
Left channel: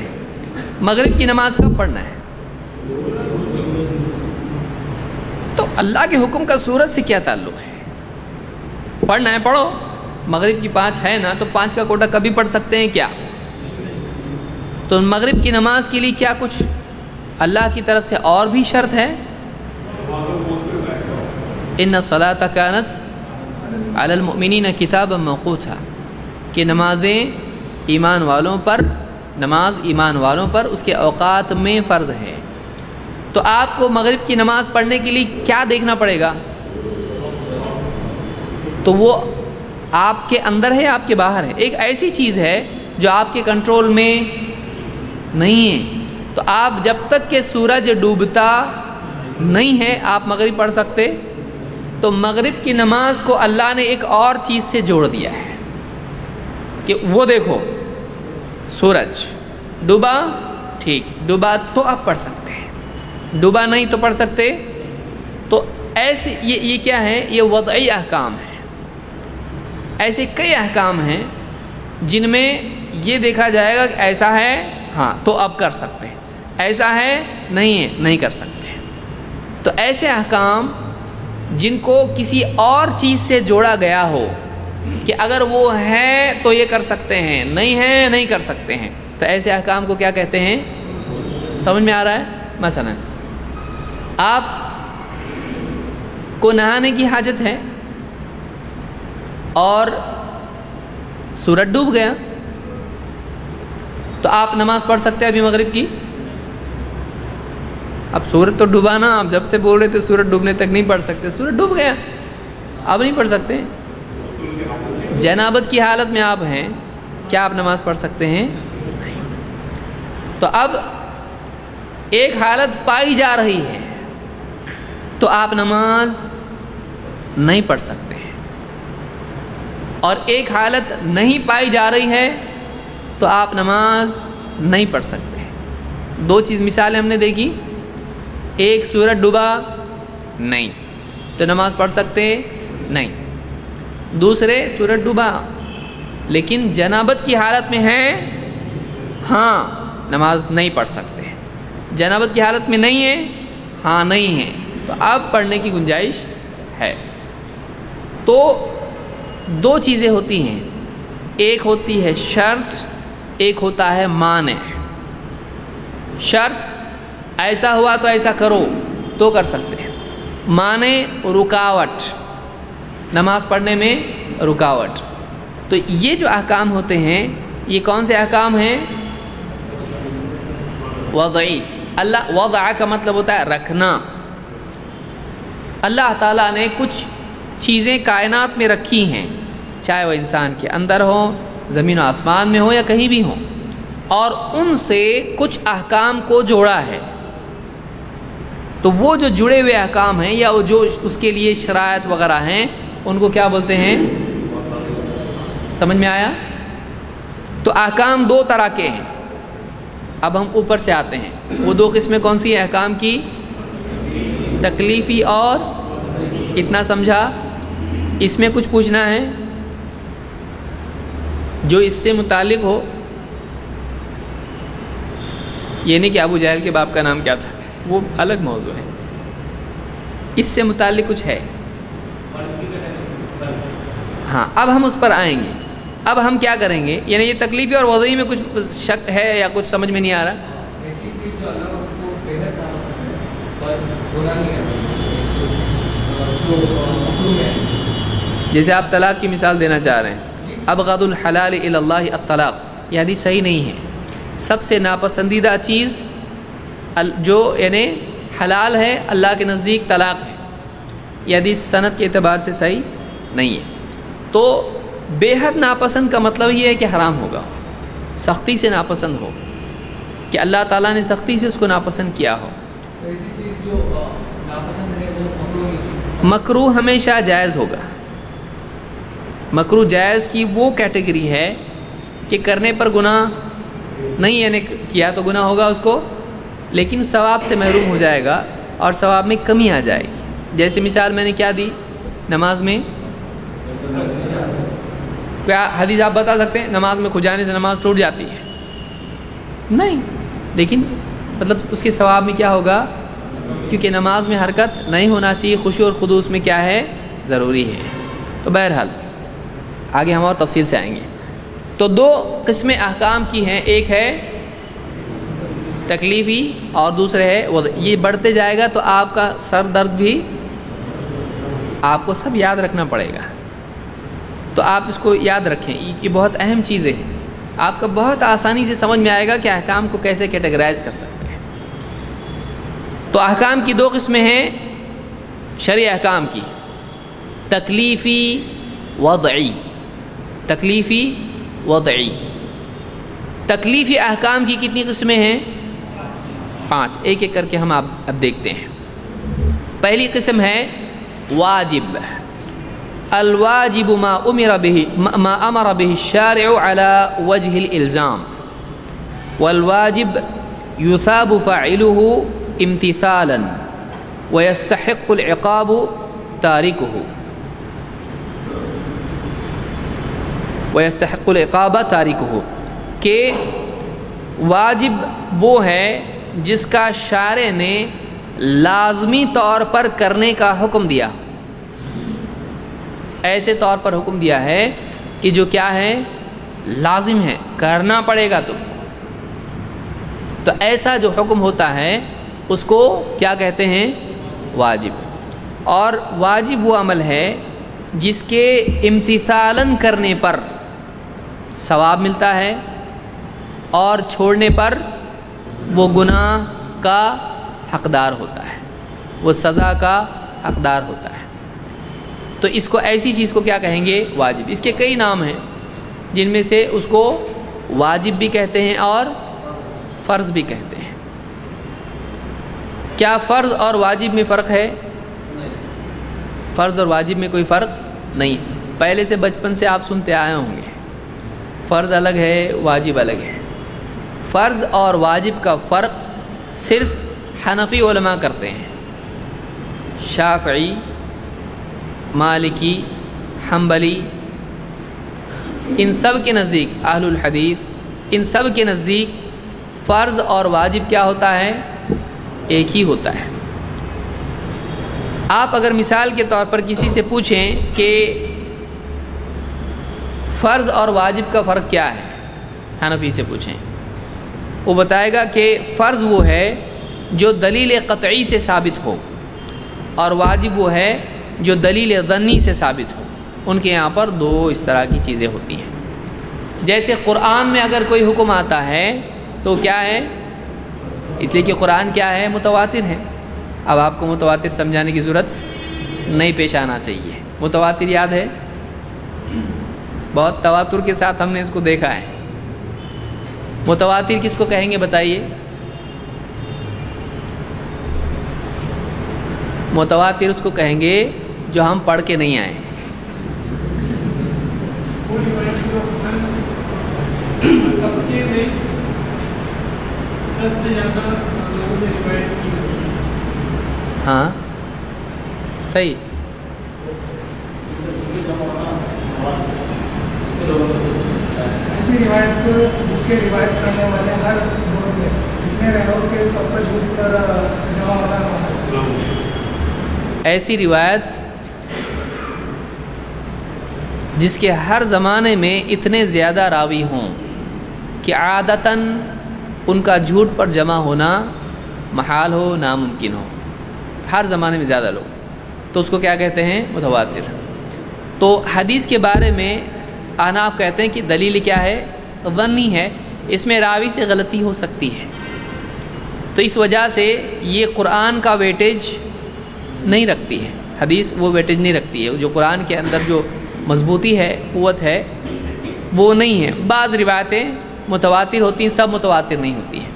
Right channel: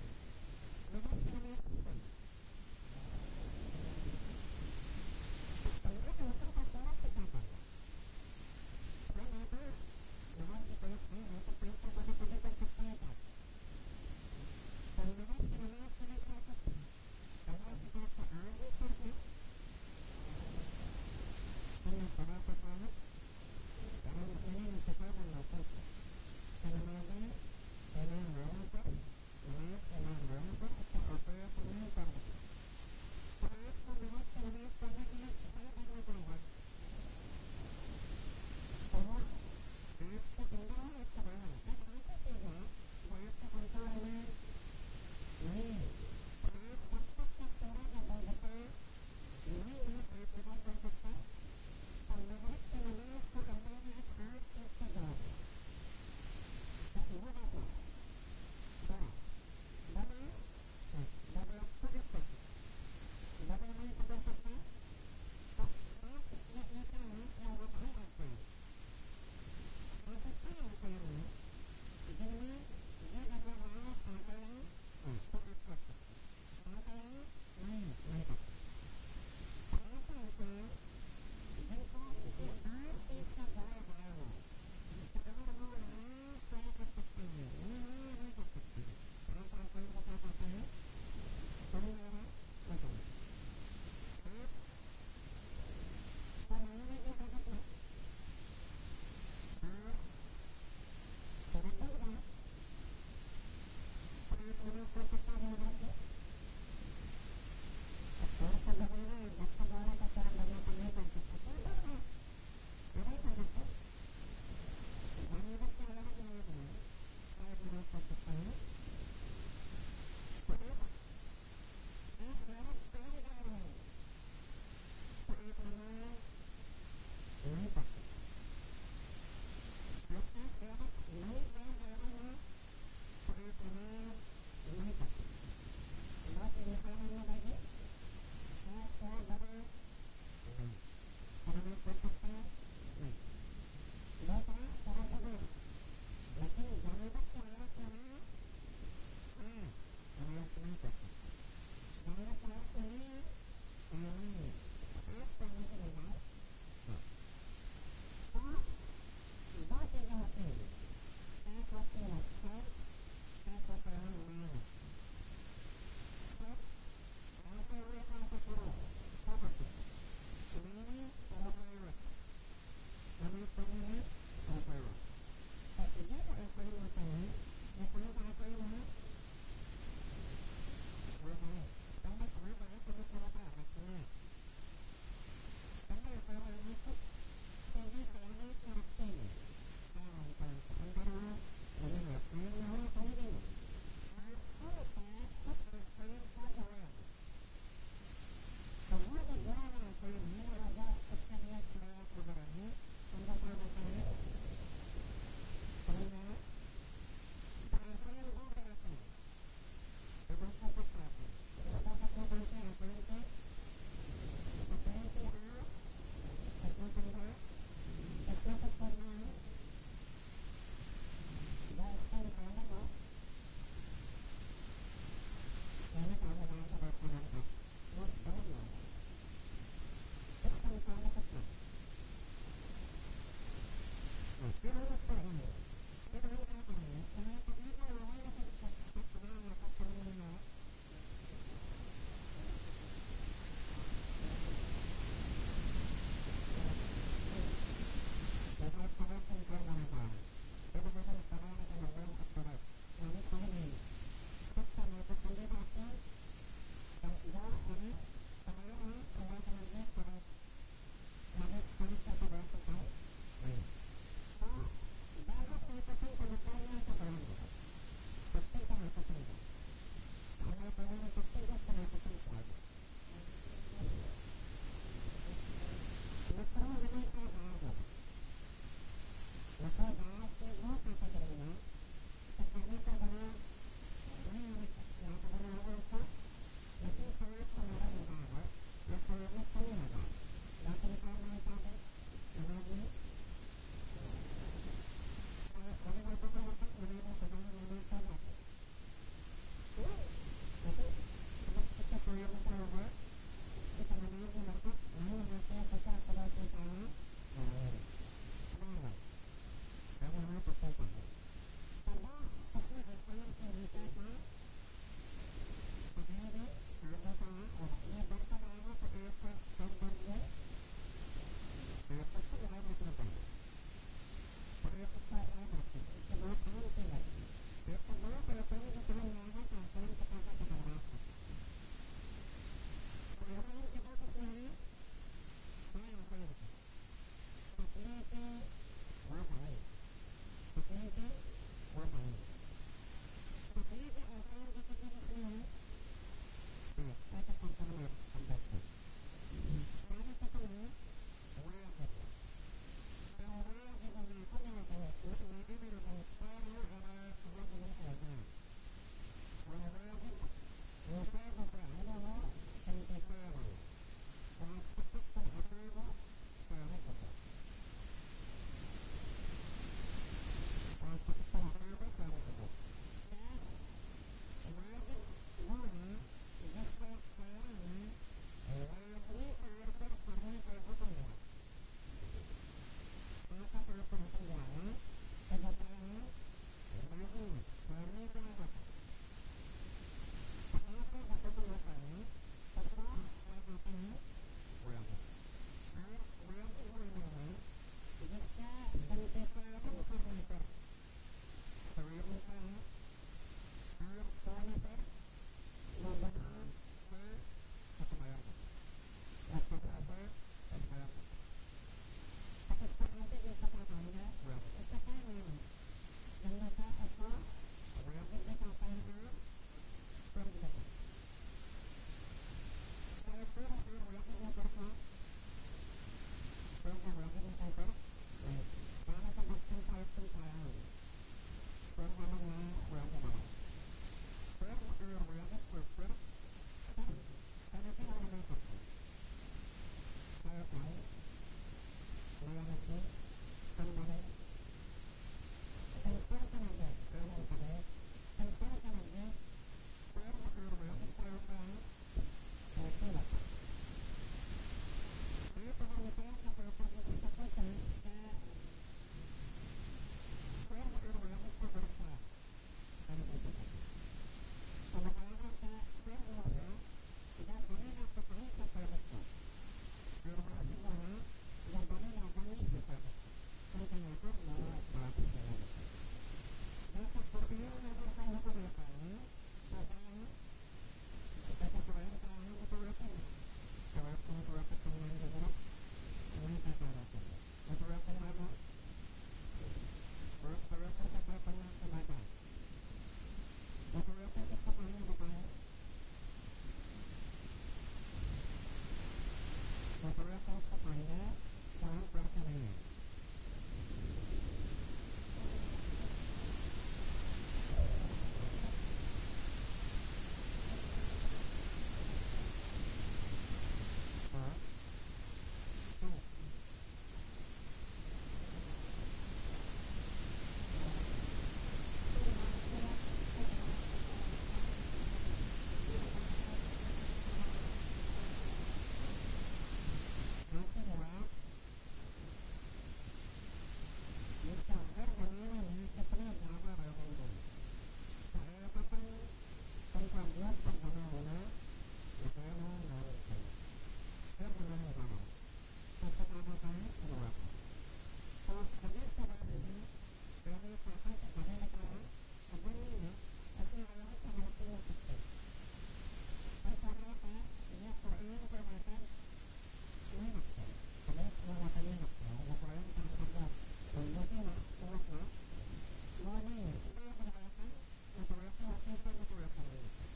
مغرب کی نماز کب پڑھنا ہے؟ تو اللہ کے حکم کا سورج سے کیا تعلق ہے؟ پڑھنا ہے پڑھو، مغرب کی 5 ہے نا، تو 5 کا کوٹا کبھی پڑھ سکتے ہیں کیا؟ تو مغرب کی نماز کے لیے کیا کچھ اللہ کی طرف سے اور بھی شرط ہے؟ ان الصلاۃ کانت علی المؤمنین کتابا موقوتا، کہ نمازیں ایمان والوں پر، نماز ایمان والوں پر اس کے اوقات میں فرض ہے۔ تو آپ کو مغرب کی نماز پڑھنے کے لیے کیا دیکھنا پڑے گا؟ تو وہ آپ کے اندر ہے، آپ کے باہر ہے، ایک ایسی چیز ہے جو آپ کے کنٹرول میں نہیں ہے۔ تو آپ جب تک کہ سورج ڈوبتا نہیں ہے آپ مغرب پڑھ سکتے؟ تو مغرب کی نماز کو اللہ نے ایک اور چیز سے جوڑ دیا ہے کہ وہ دیکھو سورج ڈوبا، ٹھیک، ڈوبا تو آپ پڑھ سکتے ہیں، ڈوبا نہیں تو پڑھ سکتے۔ تو ایسے یہ کیا ہے؟ یہ وضعی احکام ہے۔ ایسے کئی احکام ہیں جن میں یہ دیکھا جائے گا کہ ایسا ہے ہاں تو اب کر سکتے ہیں، ایسا ہے نہیں ہے نہیں کر سکتے۔ تو ایسے احکام جن کو کسی اور چیز سے جوڑا گیا ہو کہ اگر وہ ہے تو یہ کر سکتے ہیں، نہیں ہے نہیں کر سکتے ہیں، تو ایسے احکام کو کیا کہتے ہیں؟ سمجھ میں آ رہا ہے؟ مثلا آپ کو نہانے کی حاجت ہے اور سورج ڈوب گیا، تو آپ نماز پڑھ سکتے ہیں ابھی مغرب کی؟ اب سورج تو ڈوبا نا، آپ جب سے بول رہے تھے سورج ڈوبنے تک نہیں پڑھ سکتے، سورج ڈوب گیا اب نہیں پڑھ سکتے۔ جنابت کی حالت میں آپ ہیں، کیا آپ نماز پڑھ سکتے ہیں؟ نہیں۔ تو اب ایک حالت پائی جا رہی ہے تو آپ نماز نہیں پڑھ سکتے ہیں، اور ایک حالت نہیں پائی جا رہی ہے تو آپ نماز نہیں پڑھ سکتے ہیں۔ 2 چیز مثالیں ہم نے دیکھی، ایک سورج ڈوبا نہیں تو نماز پڑھ سکتے نہیں، دوسرے سورج ڈوبا لیکن جنابت کی حالت میں ہے ہاں نماز نہیں پڑھ سکتے، جنابت کی حالت میں نہیں ہے ہاں نہیں ہے، تو اب پڑھنے کی گنجائش ہے۔ تو 2 چیزیں ہوتی ہیں، ایک ہوتی ہے شرط، ایک ہوتا ہے مانع۔ شرط ایسا ہوا تو ایسا کرو تو کر سکتے ہیں، مانع رکاوٹ، نماز پڑھنے میں رکاوٹ۔ تو یہ جو احکام ہوتے ہیں یہ کون سے احکام ہیں؟ وضعی۔ اللہ وضع کا مطلب ہوتا ہے رکھنا۔ اللہ تعالیٰ نے کچھ چیزیں کائنات میں رکھی ہیں، چاہے وہ انسان کے اندر ہو، زمین و آسمان میں ہو یا کہیں بھی ہو، اور ان سے کچھ احکام کو جوڑا ہے۔ تو وہ جو جڑے ہوئے احکام ہیں یا وہ جو اس کے لیے شرائط وغیرہ ہیں ان کو کیا بولتے ہیں؟ سمجھ میں آیا؟ تو احکام 2 طرح کے ہیں۔ اب ہم اوپر سے آتے ہیں، وہ 2 قسمیں کون سی ہیں احکام کی؟ تکلیفی اور اتنا سمجھا؟ اس میں کچھ پوچھنا ہے جو اس سے متعلق ہو؟ یہ نہیں کہ ابو جہل کے باپ کا نام کیا تھا، وہ الگ موضوع ہے، اس سے متعلق کچھ ہے؟ ہاں اب ہم اس پر آئیں گے۔ اب ہم کیا کریں گے؟ یعنی یہ تکلیفی اور وضعی میں کچھ شک ہے یا کچھ سمجھ میں نہیں آ رہا؟ جیسے آپ طلاق کی مثال دینا چاہ رہے ہیں، ابغض الحلال الی اللہ الطلاق، یہ حدیث صحیح نہیں ہے۔ سب سے ناپسندیدہ چیز جو یعنی حلال ہے اللہ کے نزدیک طلاق ہے، یہ حدیث سند کے اعتبار سے صحیح نہیں ہے۔ تو بے حد ناپسند کا مطلب یہ ہے کہ حرام ہوگا، سختی سے ناپسند ہو، کہ اللہ تعالیٰ نے سختی سے اس کو ناپسند کیا ہو۔ مکروہ ہمیشہ جائز ہوگا۔ مکروہ جائز کی وہ کیٹیگری ہے کہ کرنے پر گناہ نہیں، یعنی کیا تو گناہ ہوگا اس کو، لیکن ثواب سے محروم ہو جائے گا اور ثواب میں کمی آ جائے گی۔ جیسے مثال میں نے کیا دی نماز میں، کیا حدیث آپ بتا سکتے ہیں نماز میں کھجانے سے نماز ٹوٹ جاتی ہے؟ نہیں، لیکن مطلب اس کے ثواب میں کیا ہوگا، کیونکہ نماز میں حرکت نہیں ہونا چاہیے، خشوع اور خضوع میں کیا ہے، ضروری ہے۔ تو بہرحال آگے ہم اور تفصیل سے آئیں گے۔ تو دو قسمیں احکام کی ہیں، ایک ہے تکلیفی اور دوسرے ہے وضعی۔ یہ بڑھتے جائے گا تو آپ کا سر درد بھی آپ کو سب یاد رکھنا پڑے گا، تو آپ اس کو یاد رکھیں، یہ بہت اہم چیزیں ہیں، آپ کا بہت آسانی سے سمجھ میں آئے گا کہ احکام کو کیسے کیٹیگرائز کر سکتے ہیں۔ تو احکام کی دو قسمیں ہیں شرعی احکام کی، تکلیفی وضعی۔ تکلیفی وضعی، تکلیفی احکام کی کتنی قسمیں ہیں؟ 5، ایک ایک کر کے ہم اب دیکھتے ہیں۔ پہلی قسم ہے واجب۔ الواجب ما امر به الشارع على وجه الالزام، والواجب يثاب فاعله امتثالا ويستحق العقاب تاركه، ويستحق العقاب تاركه، کہ واجب وہ ہے جس کا شارع نے لازمی طور پر کرنے کا حکم دیا، ایسے طور پر حکم دیا ہے کہ جو کیا ہے، لازم ہے، کرنا پڑے گا تم کو۔ تو ایسا جو حکم ہوتا ہے اس کو کیا کہتے ہیں؟ واجب۔ اور واجب وہ عمل ہے جس کے امتثالاً کرنے پر ثواب ملتا ہے اور چھوڑنے پر وہ گناہ کا حقدار ہوتا ہے، وہ سزا کا حقدار ہوتا ہے۔ تو اس کو ایسی چیز کو کیا کہیں گے؟ واجب۔ اس کے کئی نام ہیں، جن میں سے اس کو واجب بھی کہتے ہیں اور فرض بھی کہتے ہیں۔ کیا فرض اور واجب میں فرق ہے؟ فرض اور واجب میں کوئی فرق نہیں، پہلے سے بچپن سے آپ سنتے آئے ہوں گے، فرض الگ ہے، واجب الگ ہے۔ فرض اور واجب کا فرق صرف حنفی علماء کرتے ہیں، شافعی، مالکی، حنبلی، ان سب کے نزدیک، اہل الحدیث، ان سب کے نزدیک فرض اور واجب کیا ہوتا ہے؟ ایک ہی ہوتا ہے۔ آپ اگر مثال کے طور پر کسی سے پوچھیں کہ فرض اور واجب کا فرق کیا ہے، حنفی سے پوچھیں، وہ بتائے گا کہ فرض وہ ہے جو دلیل قطعی سے ثابت ہو، اور واجب وہ ہے جو دلیل ظنی سے ثابت ہو۔ ان کے یہاں پر دو اس طرح کی چیزیں ہوتی ہیں۔ جیسے قرآن میں اگر کوئی حکم آتا ہے تو کیا ہے؟ اس لیے کہ قرآن کیا ہے؟ متواتر ہے۔ اب آپ کو متواتر سمجھانے کی ضرورت نہیں پیش آنا چاہیے۔ متواتر یاد ہے، بہت تواتر کے ساتھ ہم نے اس کو دیکھا ہے۔ متواتر کس کو کہیں گے بتائیے؟ متواتر اس کو کہیں گے جو ہم پڑھ کے نہیں آئے۔ ہاں صحیح، ایسی روایت کو جس کے روایت کرنے والے ہر دور میں اتنے رہو کہ سب کا جھوٹ پر جمع ہونا، ایسی روایت جس کے ہر زمانے میں اتنے زیادہ راوی ہوں کہ عادتاً ان کا جھوٹ پر جمع ہونا محال ہو، ناممکن ہو، ہر زمانے میں زیادہ لوگ، تو اس کو کیا کہتے ہیں؟ متواتر۔ تو حدیث کے بارے میں احناف کہتے ہیں کہ دلیل کیا ہے؟ ظنی ہے، اس میں راوی سے غلطی ہو سکتی ہے، تو اس وجہ سے یہ قرآن کا ویٹیج نہیں رکھتی ہے، حدیث وہ ویٹیج نہیں رکھتی ہے، جو قرآن کے اندر جو مضبوطی ہے، قوت ہے، وہ نہیں ہے۔ بعض روایتیں متواتر ہوتی ہیں، سب متواتر نہیں ہوتی ہیں۔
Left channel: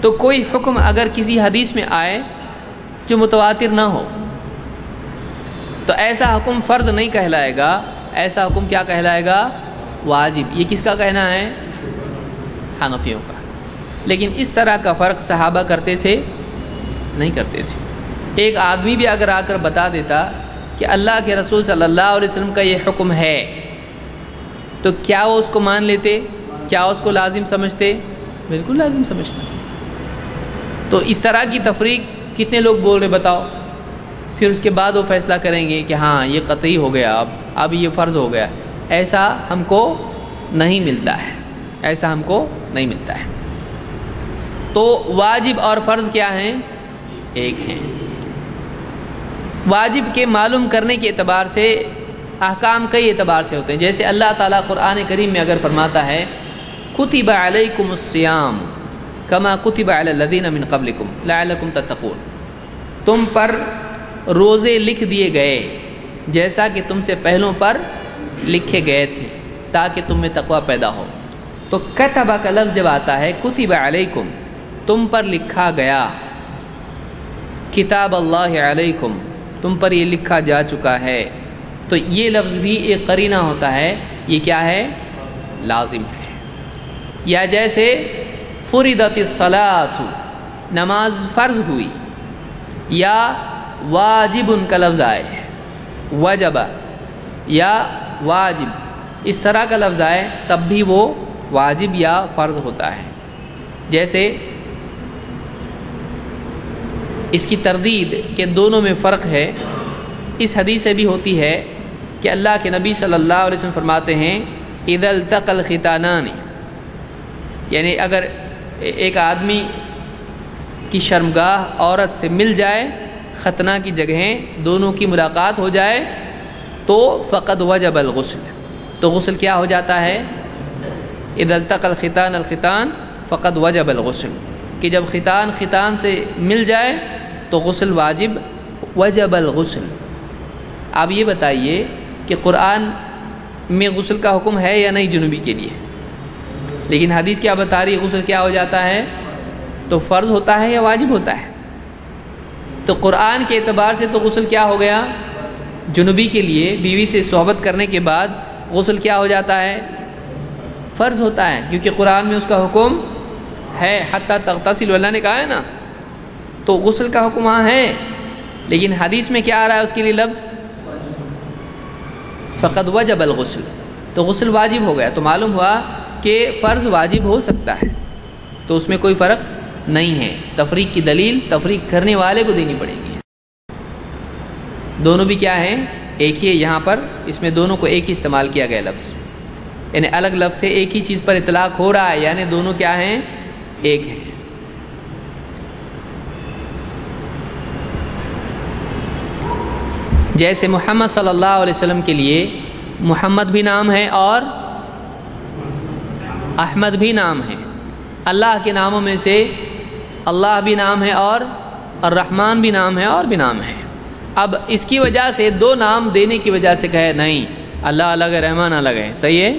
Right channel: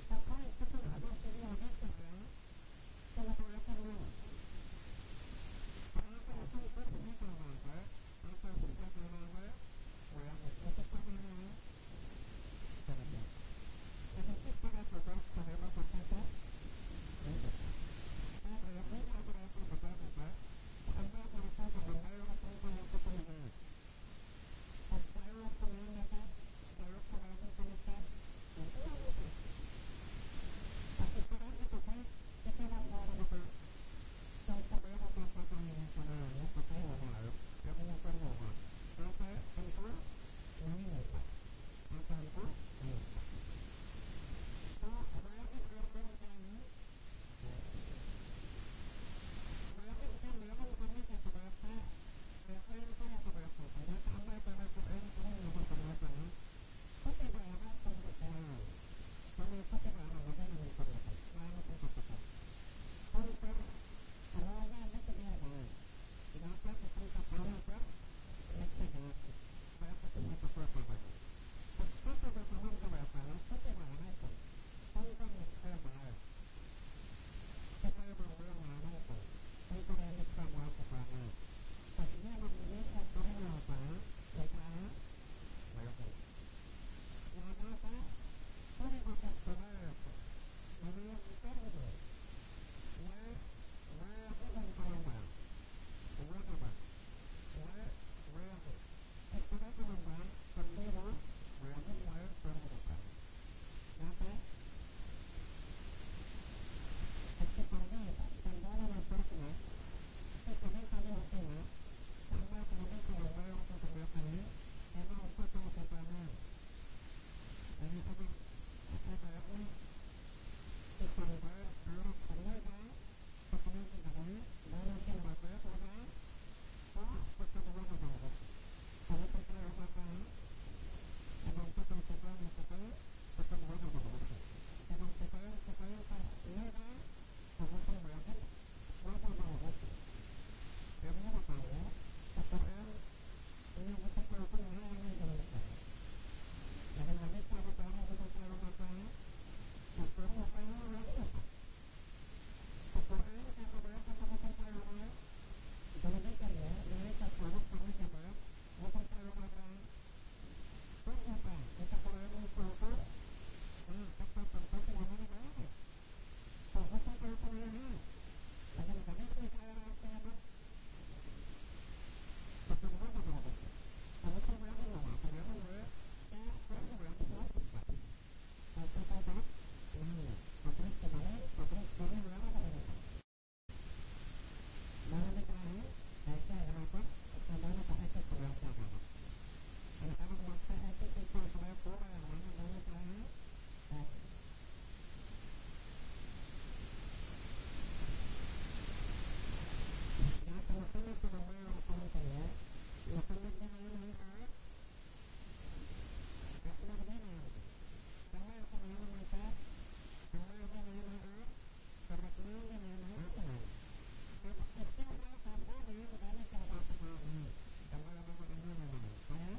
تو کوئی حکم اگر کسی حدیث میں آئے جو متواتر نہ ہو تو ایسا حکم فرض نہیں کہلائے گا، ایسا حکم کیا کہلائے گا؟ واجب۔ یہ کس کا کہنا ہے؟ حنفیوں کا۔ لیکن اس طرح کا فرق صحابہ کرتے تھے نہیں کرتے تھے۔ ایک آدمی بھی اگر آ کر بتا دیتا کہ اللہ کے رسول صلی اللہ علیہ وسلم کا یہ حکم ہے تو کیا وہ اس کو مان لیتے؟ کیا اس کو لازم سمجھتے؟ بالکل لازم سمجھتے۔ تو اس طرح کی تفریق کتنے لوگ بول رہے بتاؤ؟ پھر اس کے بعد وہ فیصلہ کریں گے کہ ہاں یہ قطعی ہو گیا، اب یہ فرض ہو گیا۔ ایسا ہم کو نہیں ملتا ہے، ایسا ہم کو نہیں ملتا ہے۔ تو واجب اور فرض کیا ہیں؟ ایک ہیں۔ واجب کے معلوم کرنے کے اعتبار سے احکام کئی اعتبار سے ہوتے ہیں، جیسے اللہ تعالیٰ قرآن کریم میں اگر فرماتا ہے کتب علیکم الصیام کما کتب علی الذین من قبلکم لعلکم تتقون، تم پر روزے لکھ دیے گئے جیسا کہ تم سے پہلوں پر لکھے گئے تھے تاکہ تم میں تقوی پیدا ہو۔ تو کتبہ کا لفظ جب آتا ہے کتب علیکم، تم پر لکھا گیا، کتاب اللہ علیکم، تم پر یہ لکھا جا چکا ہے، تو یہ لفظ بھی ایک قرینہ ہوتا ہے، یہ کیا ہے؟ لازم ہے۔ یا جیسے فرضت الصلاۃ، نماز فرض ہوئی، یا واجب کا لفظ آئے، وجب یا واجب اس طرح کا لفظ آئے تب بھی وہ واجب یا فرض ہوتا ہے۔ جیسے اس کی تردید کہ دونوں میں فرق ہے، اس حدیث سے بھی ہوتی ہے کہ اللہ کے نبی صلی اللہ علیہ وسلم فرماتے ہیں اذا التقى الختانان، یعنی اگر ایک آدمی کی شرمگاہ عورت سے مل جائے، ختنہ کی جگہیں دونوں کی ملاقات ہو جائے تو فقد وجب الغسل، تو غسل کیا ہو جاتا ہے؟ اذا التقى الختان الختان فقد وجب الغسل، کہ جب ختان سے مل جائے تو غسل واجب، وجب الغسل۔ آپ یہ بتائیے کہ قرآن میں غسل کا حکم ہے یا نہیں جنوبی کے لیے؟ لیکن حدیث کیا بتا رہی ہے؟ غسل کیا ہو جاتا ہے؟ تو فرض ہوتا ہے یا واجب ہوتا ہے؟ تو قرآن کے اعتبار سے تو غسل کیا ہو گیا؟ جنوبی کے لیے بیوی سے صحبت کرنے کے بعد غسل کیا ہو جاتا ہے؟ فرض ہوتا ہے، کیونکہ قرآن میں اس کا حکم ہے، حتیٰ تغتسل، اللہ نے کہا ہے نا، تو غسل کا حکم وہاں ہے۔ لیکن حدیث میں کیا آ رہا ہے اس کے لیے لفظ؟ فقد وجب الغسل، تو غسل واجب ہو گیا۔ تو معلوم ہوا کہ فرض واجب ہو سکتا ہے، تو اس میں کوئی فرق نہیں ہے۔ تفریق کی دلیل تفریق کرنے والے کو دینی پڑے گی۔ دونوں بھی کیا ہیں؟ ایک ہی ہے۔ یہاں پر اس میں دونوں کو ایک ہی استعمال کیا گیا لفظ، یعنی الگ لفظ سے ایک ہی چیز پر اطلاق ہو رہا ہے، یعنی دونوں کیا ہیں؟ ایک ہیں۔ جیسے محمد صلی اللہ علیہ وسلم کے لیے محمد بھی نام ہے اور احمد بھی نام ہے۔ اللہ کے ناموں میں سے اللہ بھی نام ہے اور الرحمن بھی نام ہے اور بھی نام ہے۔ اب اس کی وجہ سے دو نام دینے کی وجہ سے کہے نہیں اللہ الگ ہے رحمان الگ ہے، صحیح ہے؟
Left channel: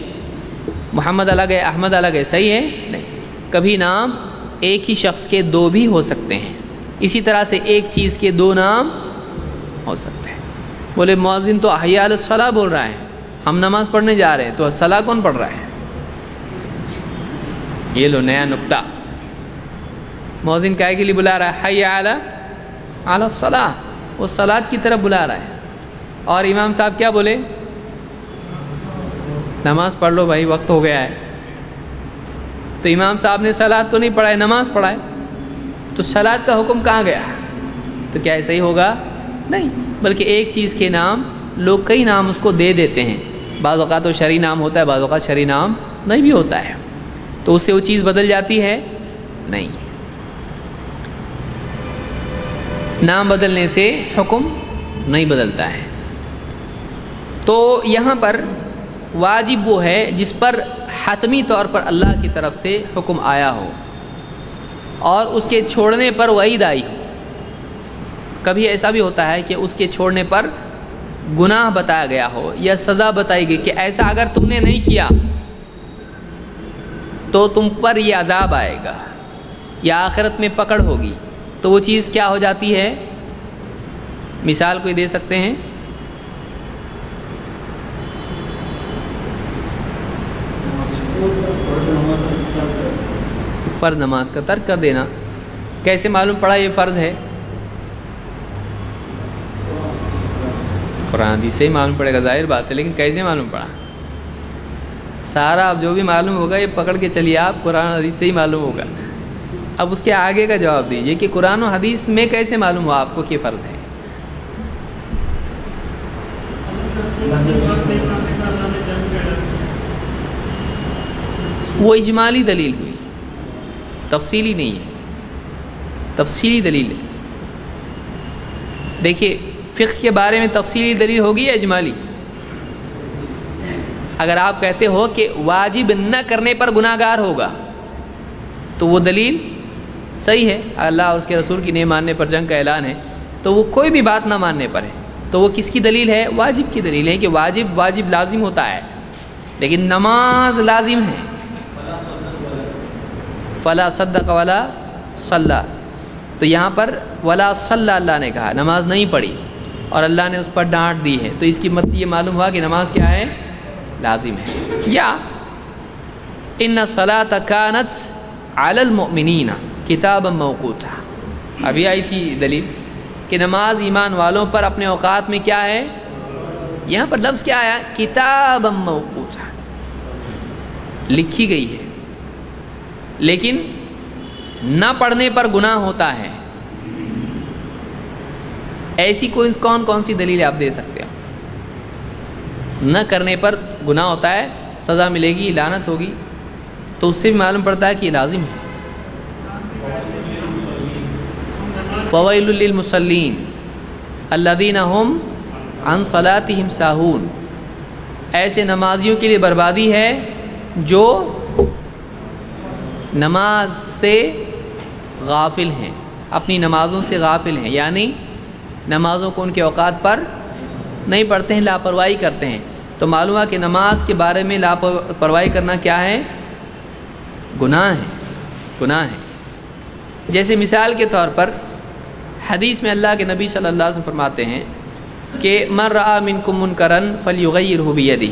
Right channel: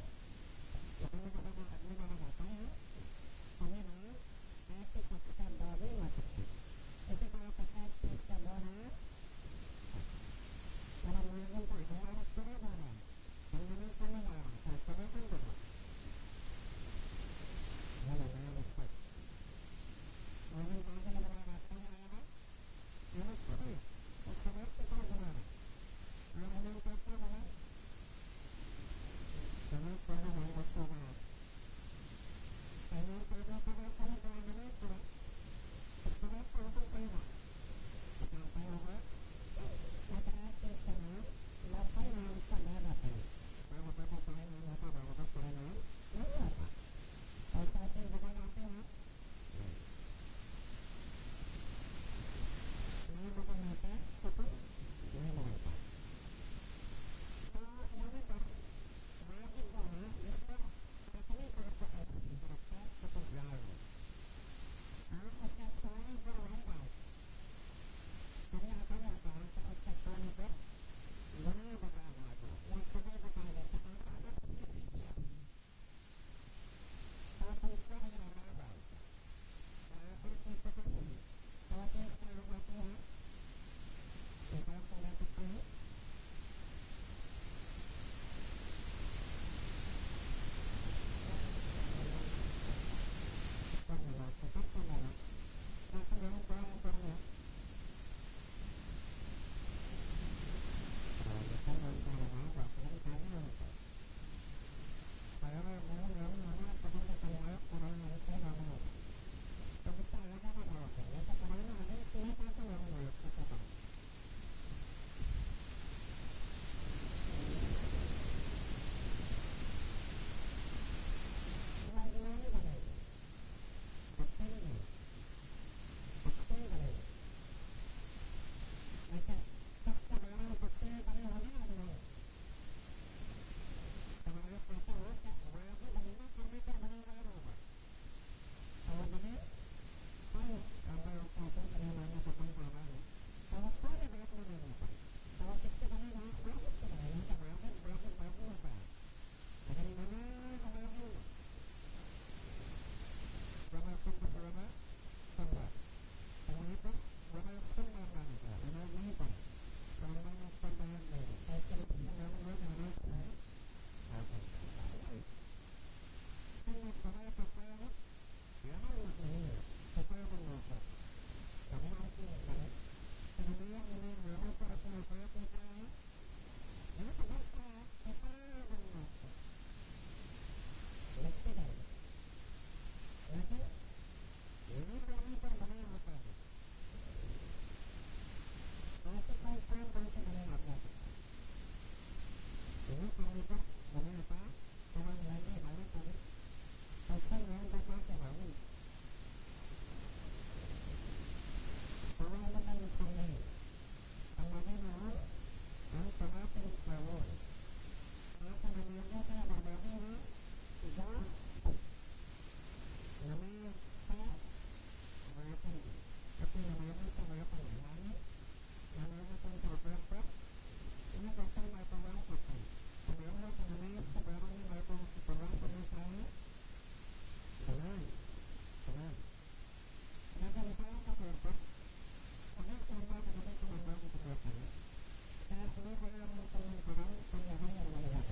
محمد الگ ہے احمد الگ ہے، صحیح ہے؟ نہیں، کبھی نام ایک ہی شخص کے دو بھی ہو سکتے ہیں، اسی طرح سے ایک چیز کے دو نام ہو سکتے ہیں۔ بولے مؤذن تو حی علی الصلاۃ بول رہا ہے، ہم نماز پڑھنے جا رہے ہیں، تو صلاح کون پڑھ رہا ہے؟ یہ لو نیا نکتہ، مؤذن کائے کے لیے بلا رہا ہے؟ حی علی الصلاۃ، وہ صلاۃ کی طرف بلا رہا ہے۔ اور امام صاحب کیا بولے؟ نماز پڑھ لو بھائی، وقت ہو گیا ہے۔ تو امام صاحب نے صلاۃ تو نہیں پڑھائے، نماز پڑھائے، تو صلاۃ کا حکم کہاں گیا؟ تو کیا ایسا ہی ہوگا؟ نہیں، بلکہ ایک چیز کے نام لوگ کئی نام اس کو دے دیتے ہیں، بعض اوقات تو شرعی نام ہوتا ہے، بعض اوقات شرعی نام نہیں بھی ہوتا ہے، تو اس سے وہ چیز بدل جاتی ہے؟ نہیں، نام بدلنے سے حکم نہیں بدلتا ہے۔ تو یہاں پر واجب وہ ہے جس پر حتمی طور پر اللہ کی طرف سے حکم آیا ہو اور اس کے چھوڑنے پر وعید آئی ہو۔ کبھی ایسا بھی ہوتا ہے کہ اس کے چھوڑنے پر گناہ بتایا گیا ہو یا سزا بتائی گئی کہ ایسا اگر تم نے نہیں کیا تو تم پر یہ عذاب آئے گا یا آخرت میں پکڑ ہوگی، تو وہ چیز کیا ہو جاتی ہے؟ مثال کوئی دے سکتے ہیں؟ فرض نماز کا ترک کر دینا۔ کیسے معلوم پڑا یہ فرض ہے؟ قرآن حدیث سے ہی معلوم پڑے گا، ظاہر بات ہے، لیکن کیسے معلوم پڑا؟ سارا اب جو بھی معلوم ہوگا یہ پکڑ کے چلیے آپ، قرآن حدیث سے ہی معلوم ہوگا۔ اب اس کے آگے کا جواب دیجئے کہ قرآن و حدیث میں کیسے معلوم ہوا آپ کو کہ فرض ہے؟ وہ اجمالی دلیل ہوئی، تفصیلی نہیں ہے، تفصیلی دلیل ہے۔ دیکھیے فقہ کے بارے میں تفصیلی دلیل ہوگی یا اجمالی؟ اگر آپ کہتے ہو کہ واجب نہ کرنے پر گناہ گار ہوگا تو وہ دلیل صحیح ہے، اللہ اس کے رسول کی نہیں ماننے پر جنگ کا اعلان ہے، تو وہ کوئی بھی بات نہ ماننے پر ہے، تو وہ کس کی دلیل ہے؟ واجب کی دلیل ہے کہ واجب لازم ہوتا ہے، لیکن نماز لازم ہے۔ فلا صدق ولا صلی، تو یہاں پر ولا صلی اللہ نے کہا، نماز نہیں پڑھی اور اللہ نے اس پر ڈانٹ دی ہے، تو اس کی مطلب یہ معلوم ہوا کہ نماز کیا ہے؟ لازم ہے۔ یا ان الصلاۃ کانت علی المؤمنین کتابا موقوتا، ابھی آئی تھی دلیل کہ نماز ایمان والوں پر اپنے اوقات میں کیا ہے؟ یہاں پر لفظ کیا آیا؟ کتابا موقوتا، لکھی گئی ہے، لیکن نہ پڑھنے پر گناہ ہوتا ہے۔ ایسی کون سی دلیل آپ دے سکتے ہو؟ نہ کرنے پر گناہ ہوتا ہے، سزا ملے گی، لعنت ہوگی، تو اس سے بھی معلوم پڑتا ہے کہ یہ لازم ہے۔ فویل للمصلین الذین هم عن صلاتهم ساہون، ایسے نمازیوں کے لیے بربادی ہے جو نماز سے غافل ہیں، اپنی نمازوں سے غافل ہیں، یعنی نمازوں کو ان کے اوقات پر نہیں پڑھتے ہیں، لاپرواہی کرتے ہیں۔ تو معلوم ہے کہ نماز کے بارے میں لاپرواہی کرنا کیا ہے؟ گناہ ہے، گناہ ہے۔ جیسے مثال کے طور پر حدیث میں اللہ کے نبی صلی اللہ علیہ وسلم فرماتے ہیں کہ من رأى منکم منکرا فلیغیرہ بیدہ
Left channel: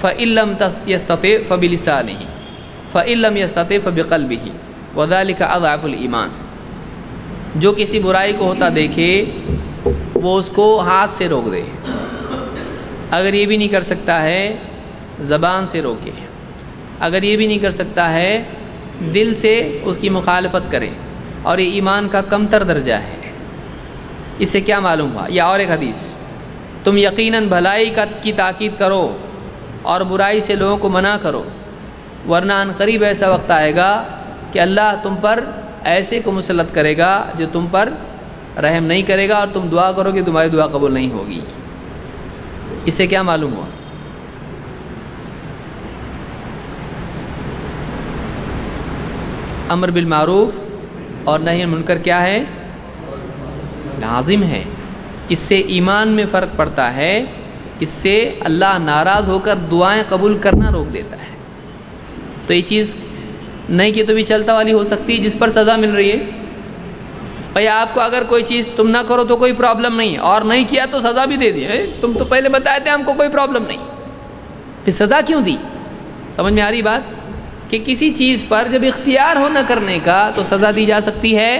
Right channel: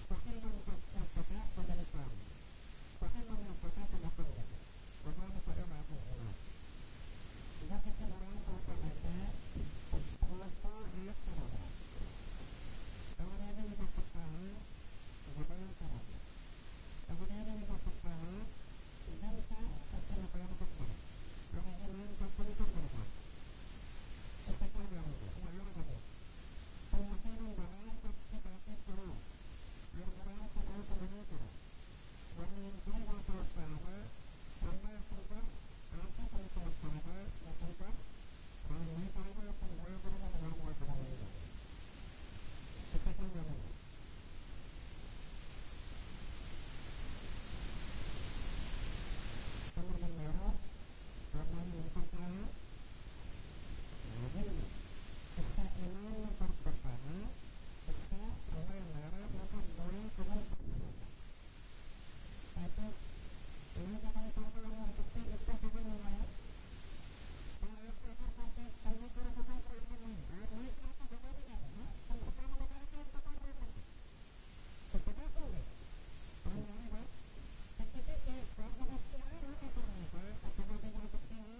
فإن لم یستطع فبلسانہ فإن لم یستطع فبقلبہ وذلک اضعف الایمان، جو کسی برائی کو ہوتا دیکھے وہ اس کو ہاتھ سے روک دے، اگر یہ بھی نہیں کر سکتا ہے زبان سے روکے، اگر یہ بھی نہیں کر سکتا ہے دل سے اس کی مخالفت کرے، اور یہ ایمان کا کمتر درجہ ہے۔ اس سے کیا معلوم ہوا؟ یا اور ایک حدیث، تم یقیناً بھلائی کی تاکید کرو اور برائی سے لوگوں کو منع کرو، ورنہ ان قریب ایسا وقت آئے گا کہ اللہ تم پر ایسے کو مسلط کرے گا جو تم پر رحم نہیں کرے گا، اور تم دعا کرو کہ تمہاری دعا قبول نہیں ہوگی۔ اس سے کیا معلوم ہوا؟ امر بالمعروف اور نہی عن المنکر کیا ہے؟ لازم ہے۔ اس سے ایمان میں فرق پڑتا ہے، اس سے اللہ ناراض ہو کر دعائیں قبول کرنا روک دیتا ہے۔ تو یہ چیز نہیں کہ تو بھی چلتا والی ہو سکتی ہے جس پر سزا مل رہی ہے۔ بھائی آپ کو اگر کوئی چیز تم نہ کرو تو کوئی پرابلم نہیں ہے، اور نہیں کیا تو سزا بھی دے دی، تم تو پہلے بتائے تھے ہم کو کوئی پرابلم نہیں، پھر سزا کیوں دی؟ سمجھ میں آ رہی بات کہ کسی چیز پر جب اختیار ہو نہ کرنے کا تو سزا دی جا سکتی ہے،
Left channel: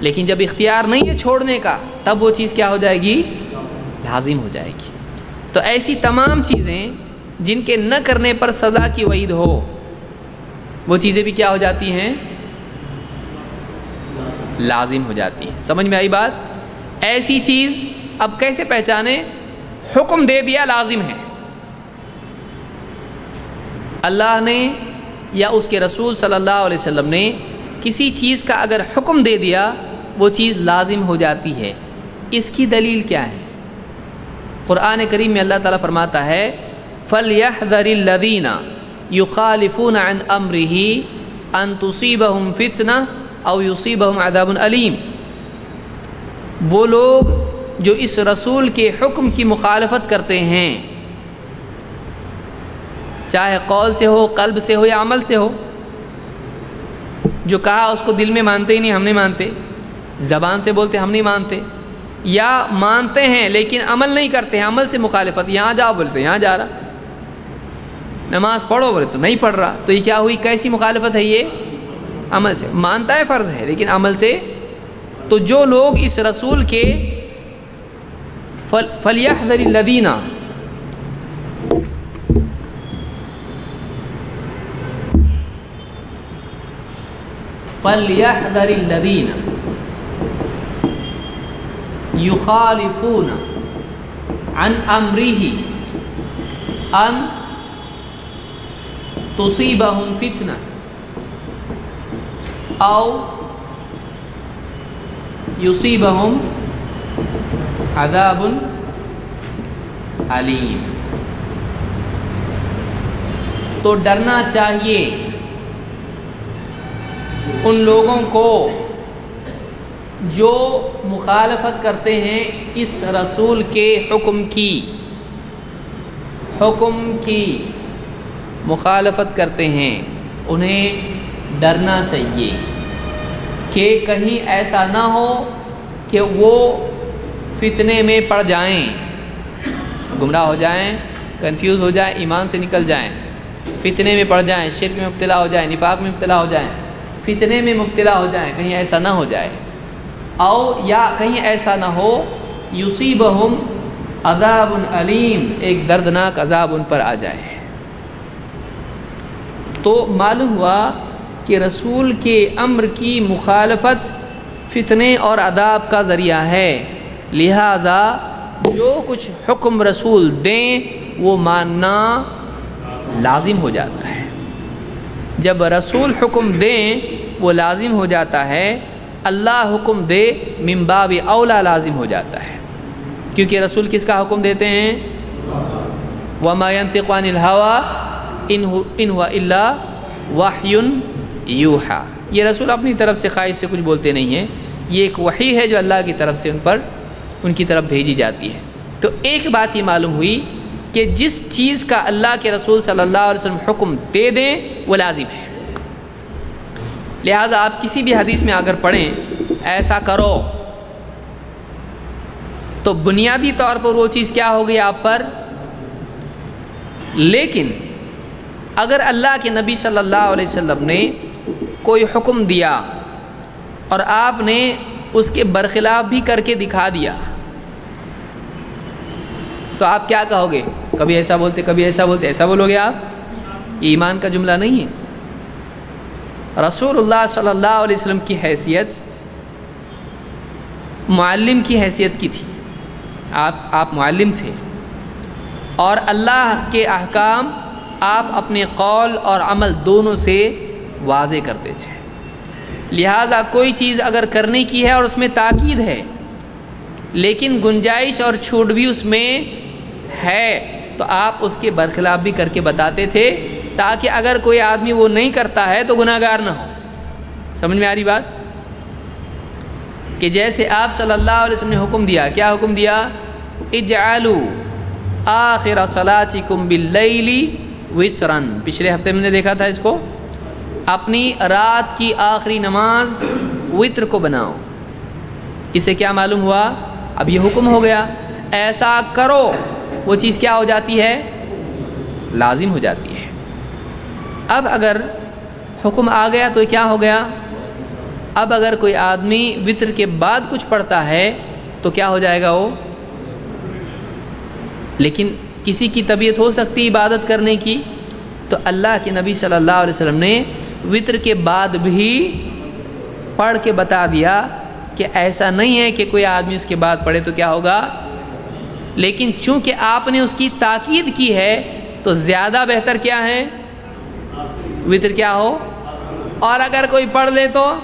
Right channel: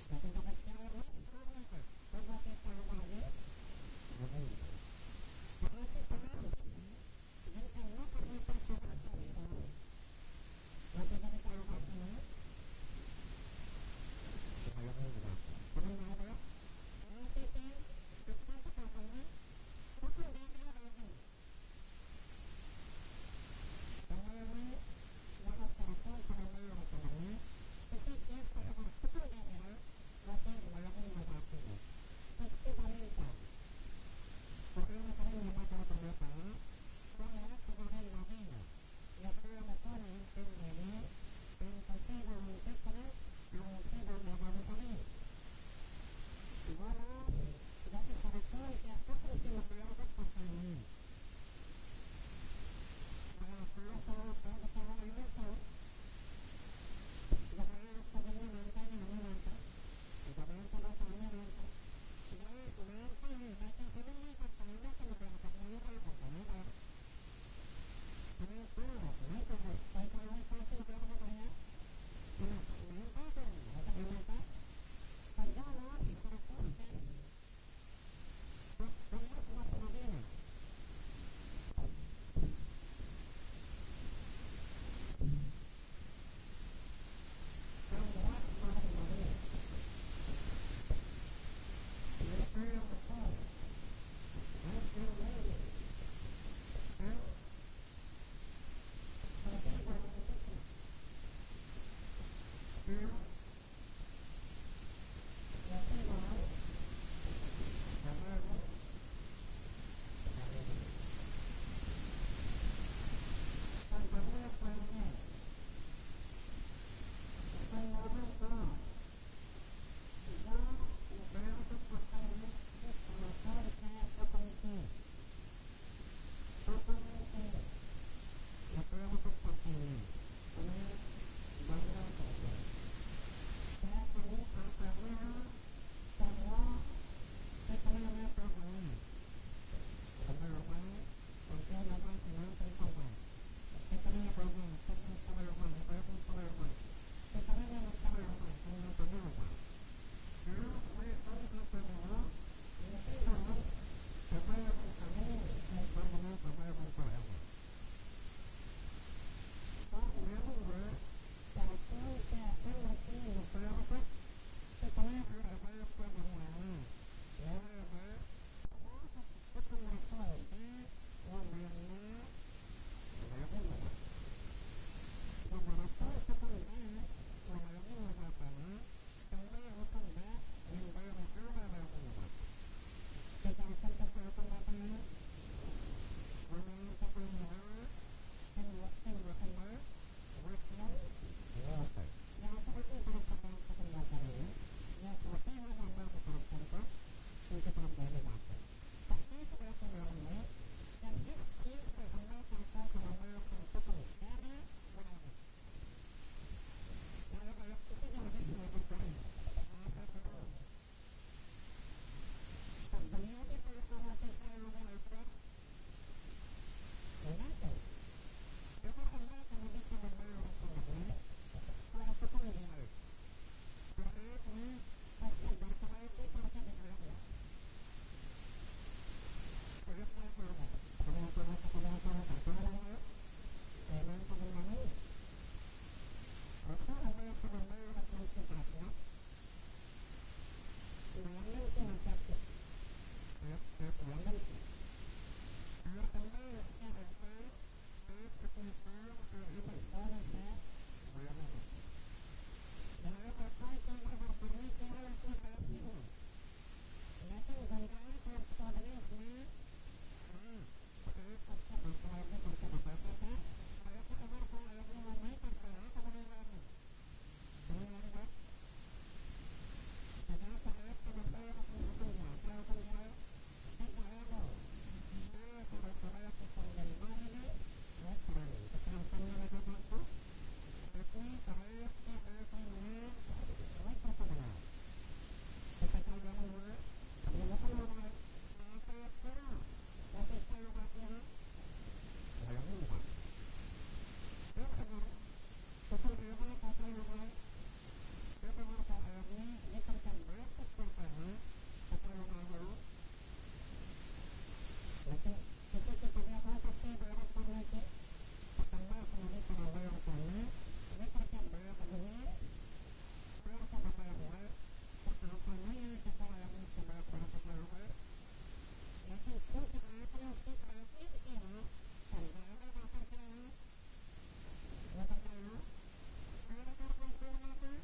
لیکن جب اختیار نہیں ہے چھوڑنے کا تب وہ چیز کیا ہو جائے گی؟ لازم ہو جائے گی۔ تو ایسی تمام چیزیں جن کے نہ کرنے پر سزا کی وعید ہو وہ چیزیں بھی کیا ہو جاتی ہیں؟ لازم ہو جاتی ہیں۔ سمجھ میں آئی بات؟ ایسی چیز اب کیسے پہچانے؟ حکم دے دیا لازم ہے، اللہ نے یا اس کے رسول صلی اللہ علیہ وسلم نے کسی چیز کا اگر حکم دے دیا وہ چیز لازم ہو جاتی ہے۔ اس کی دلیل کیا ہے؟ قرآن کریم میں اللہ تعالیٰ فرماتا ہے فَلْيَحْذَرِ الَّذِينَ يُخَالِفُونَ عَنْ أَمْرِهِ أَن تُصِيبَهُمْ فِتْنَةٌ أَوْ يُصِيبَهُمْ عَذَابٌ أَلِيمٌ، وہ لوگ جو اس رسول کے حکم کی مخالفت کرتے ہیں، چاہے قول سے ہو، قلب سے ہو یا عمل سے ہو، جو کہا اس کو دل میں مانتے ہی نہیں، ہم نہیں مانتے، زبان سے بولتے ہم نہیں مانتے، یا مانتے ہیں لیکن عمل نہیں کرتے ہیں، عمل سے مخالفت، یہاں جاؤ بولتے یہاں جا رہا، نماز پڑھو بولے تو نہیں پڑھ رہا، تو یہ کیا ہوئی؟ کیسی مخالفت ہے یہ؟ عمل سے مانتا ہے فرض ہے لیکن عمل سے۔ تو جو لوگ اس رسول کے فَلْيَحْذَرِ الَّذِينَ يُخَالِفُونَ عَنْ أَمْرِهِ أَنْ تُصِيبَهُمْ فِتْنَةٌ أَوْ يُصِيبَهُمْ عَذَابٌ أَلِيمٌ۔ تو ڈرنا چاہیے ان لوگوں کو جو مخالفت کرتے ہیں اس رسول کے حکم کی مخالفت کرتے ہیں، انہیں ڈرنا چاہیے کہ کہیں ایسا نہ ہو کہ وہ فتنے میں پڑ جائیں، گمراہ ہو جائیں، کنفیوز ہو جائیں، ایمان سے نکل جائیں، فتنے میں پڑ جائیں، شرک میں مبتلا ہو جائیں، نفاق میں مبتلا ہو جائیں، فتنے میں مبتلا ہو جائیں، کہیں ایسا نہ ہو جائے، او یا کہیں ایسا نہ ہو یصیبہم عذاب علیم، ایک دردناک عذاب ان پر آ جائے۔ تو معلوم ہوا کہ رسول کے امر کی مخالفت فتنے اور عذاب کا ذریعہ ہے، لہٰذا جو کچھ حکم رسول دیں وہ ماننا لازم ہو جاتا ہے۔ جب رسول حکم دیں وہ لازم ہو جاتا ہے، اللہ حکم دے من باب اولا لازم ہو جاتا ہے، کیونکہ رسول کس کا حکم دیتے ہیں؟ وما ينطق عن الهوى ان هو الا وحی یوحی۔ یہ رسول اپنی طرف سے خواہش سے کچھ بولتے نہیں ہیں، یہ ایک وحی ہے جو اللہ کی طرف سے ان کی طرف بھیجی جاتی ہے۔ تو ایک بات یہ معلوم ہوئی کہ جس چیز کا اللہ کے رسول صلی اللہ علیہ وسلم حکم دے دیں وہ لازم ہے، لہٰذا آپ کسی بھی حدیث میں اگر پڑھیں ایسا کرو تو بنیادی طور پر وہ چیز کیا ہوگی آپ پر۔ لیکن اگر اللہ کے نبی صلی اللہ علیہ وسلم نے کوئی حکم دیا اور آپ نے اس کے برخلاف بھی کر کے دکھا دیا تو آپ کیا کہو گے؟ کبھی ایسا بولتے کبھی ایسا بولتے، ایسا بولو گے آپ؟ یہ ایمان کا جملہ نہیں ہے۔ رسول اللہ صلی اللہ علیہ وسلم کی حیثیت معلم کی حیثیت کی تھی، آپ معلم تھے، اور اللہ کے احکام آپ اپنے قول اور عمل دونوں سے واضح کرتے تھے، لہٰذا کوئی چیز اگر کرنے کی ہے اور اس میں تاکید ہے لیکن گنجائش اور چھوٹ بھی اس میں ہے تو آپ اس کے برخلاف بھی کر کے بتاتے تھے، تاکہ اگر کوئی آدمی وہ نہیں کرتا ہے تو گناہ گار نہ ہو۔ سمجھ میں آ رہی بات؟ کہ جیسے آپ صلی اللہ علیہ وسلم نے حکم دیا، کیا حکم دیا؟ اجعلوا آخر صلاتکم باللیل وترا، پچھلے ہفتے میں نے دیکھا تھا اس کو، اپنی رات کی آخری نماز وتر کو بناؤ۔ اسے کیا معلوم ہوا؟ اب یہ حکم ہو گیا، ایسا کرو، وہ چیز کیا ہو جاتی ہے؟ لازم ہو جاتی ہے۔ اب اگر حکم آ گیا تو کیا ہو گیا؟ اب اگر کوئی آدمی وتر کے بعد کچھ پڑھتا ہے تو کیا ہو جائے گا وہ؟ لیکن کسی کی طبیعت ہو سکتی عبادت کرنے کی، تو اللہ کے نبی صلی اللہ علیہ وسلم نے وتر کے بعد بھی پڑھ کے بتا دیا کہ ایسا نہیں ہے کہ کوئی آدمی اس کے بعد پڑھے تو کیا ہوگا، لیکن چونکہ آپ نے اس کی تاکید کی ہے تو زیادہ بہتر کیا ہے؟ وتر کیا ہو، اور اگر کوئی پڑھ لے تو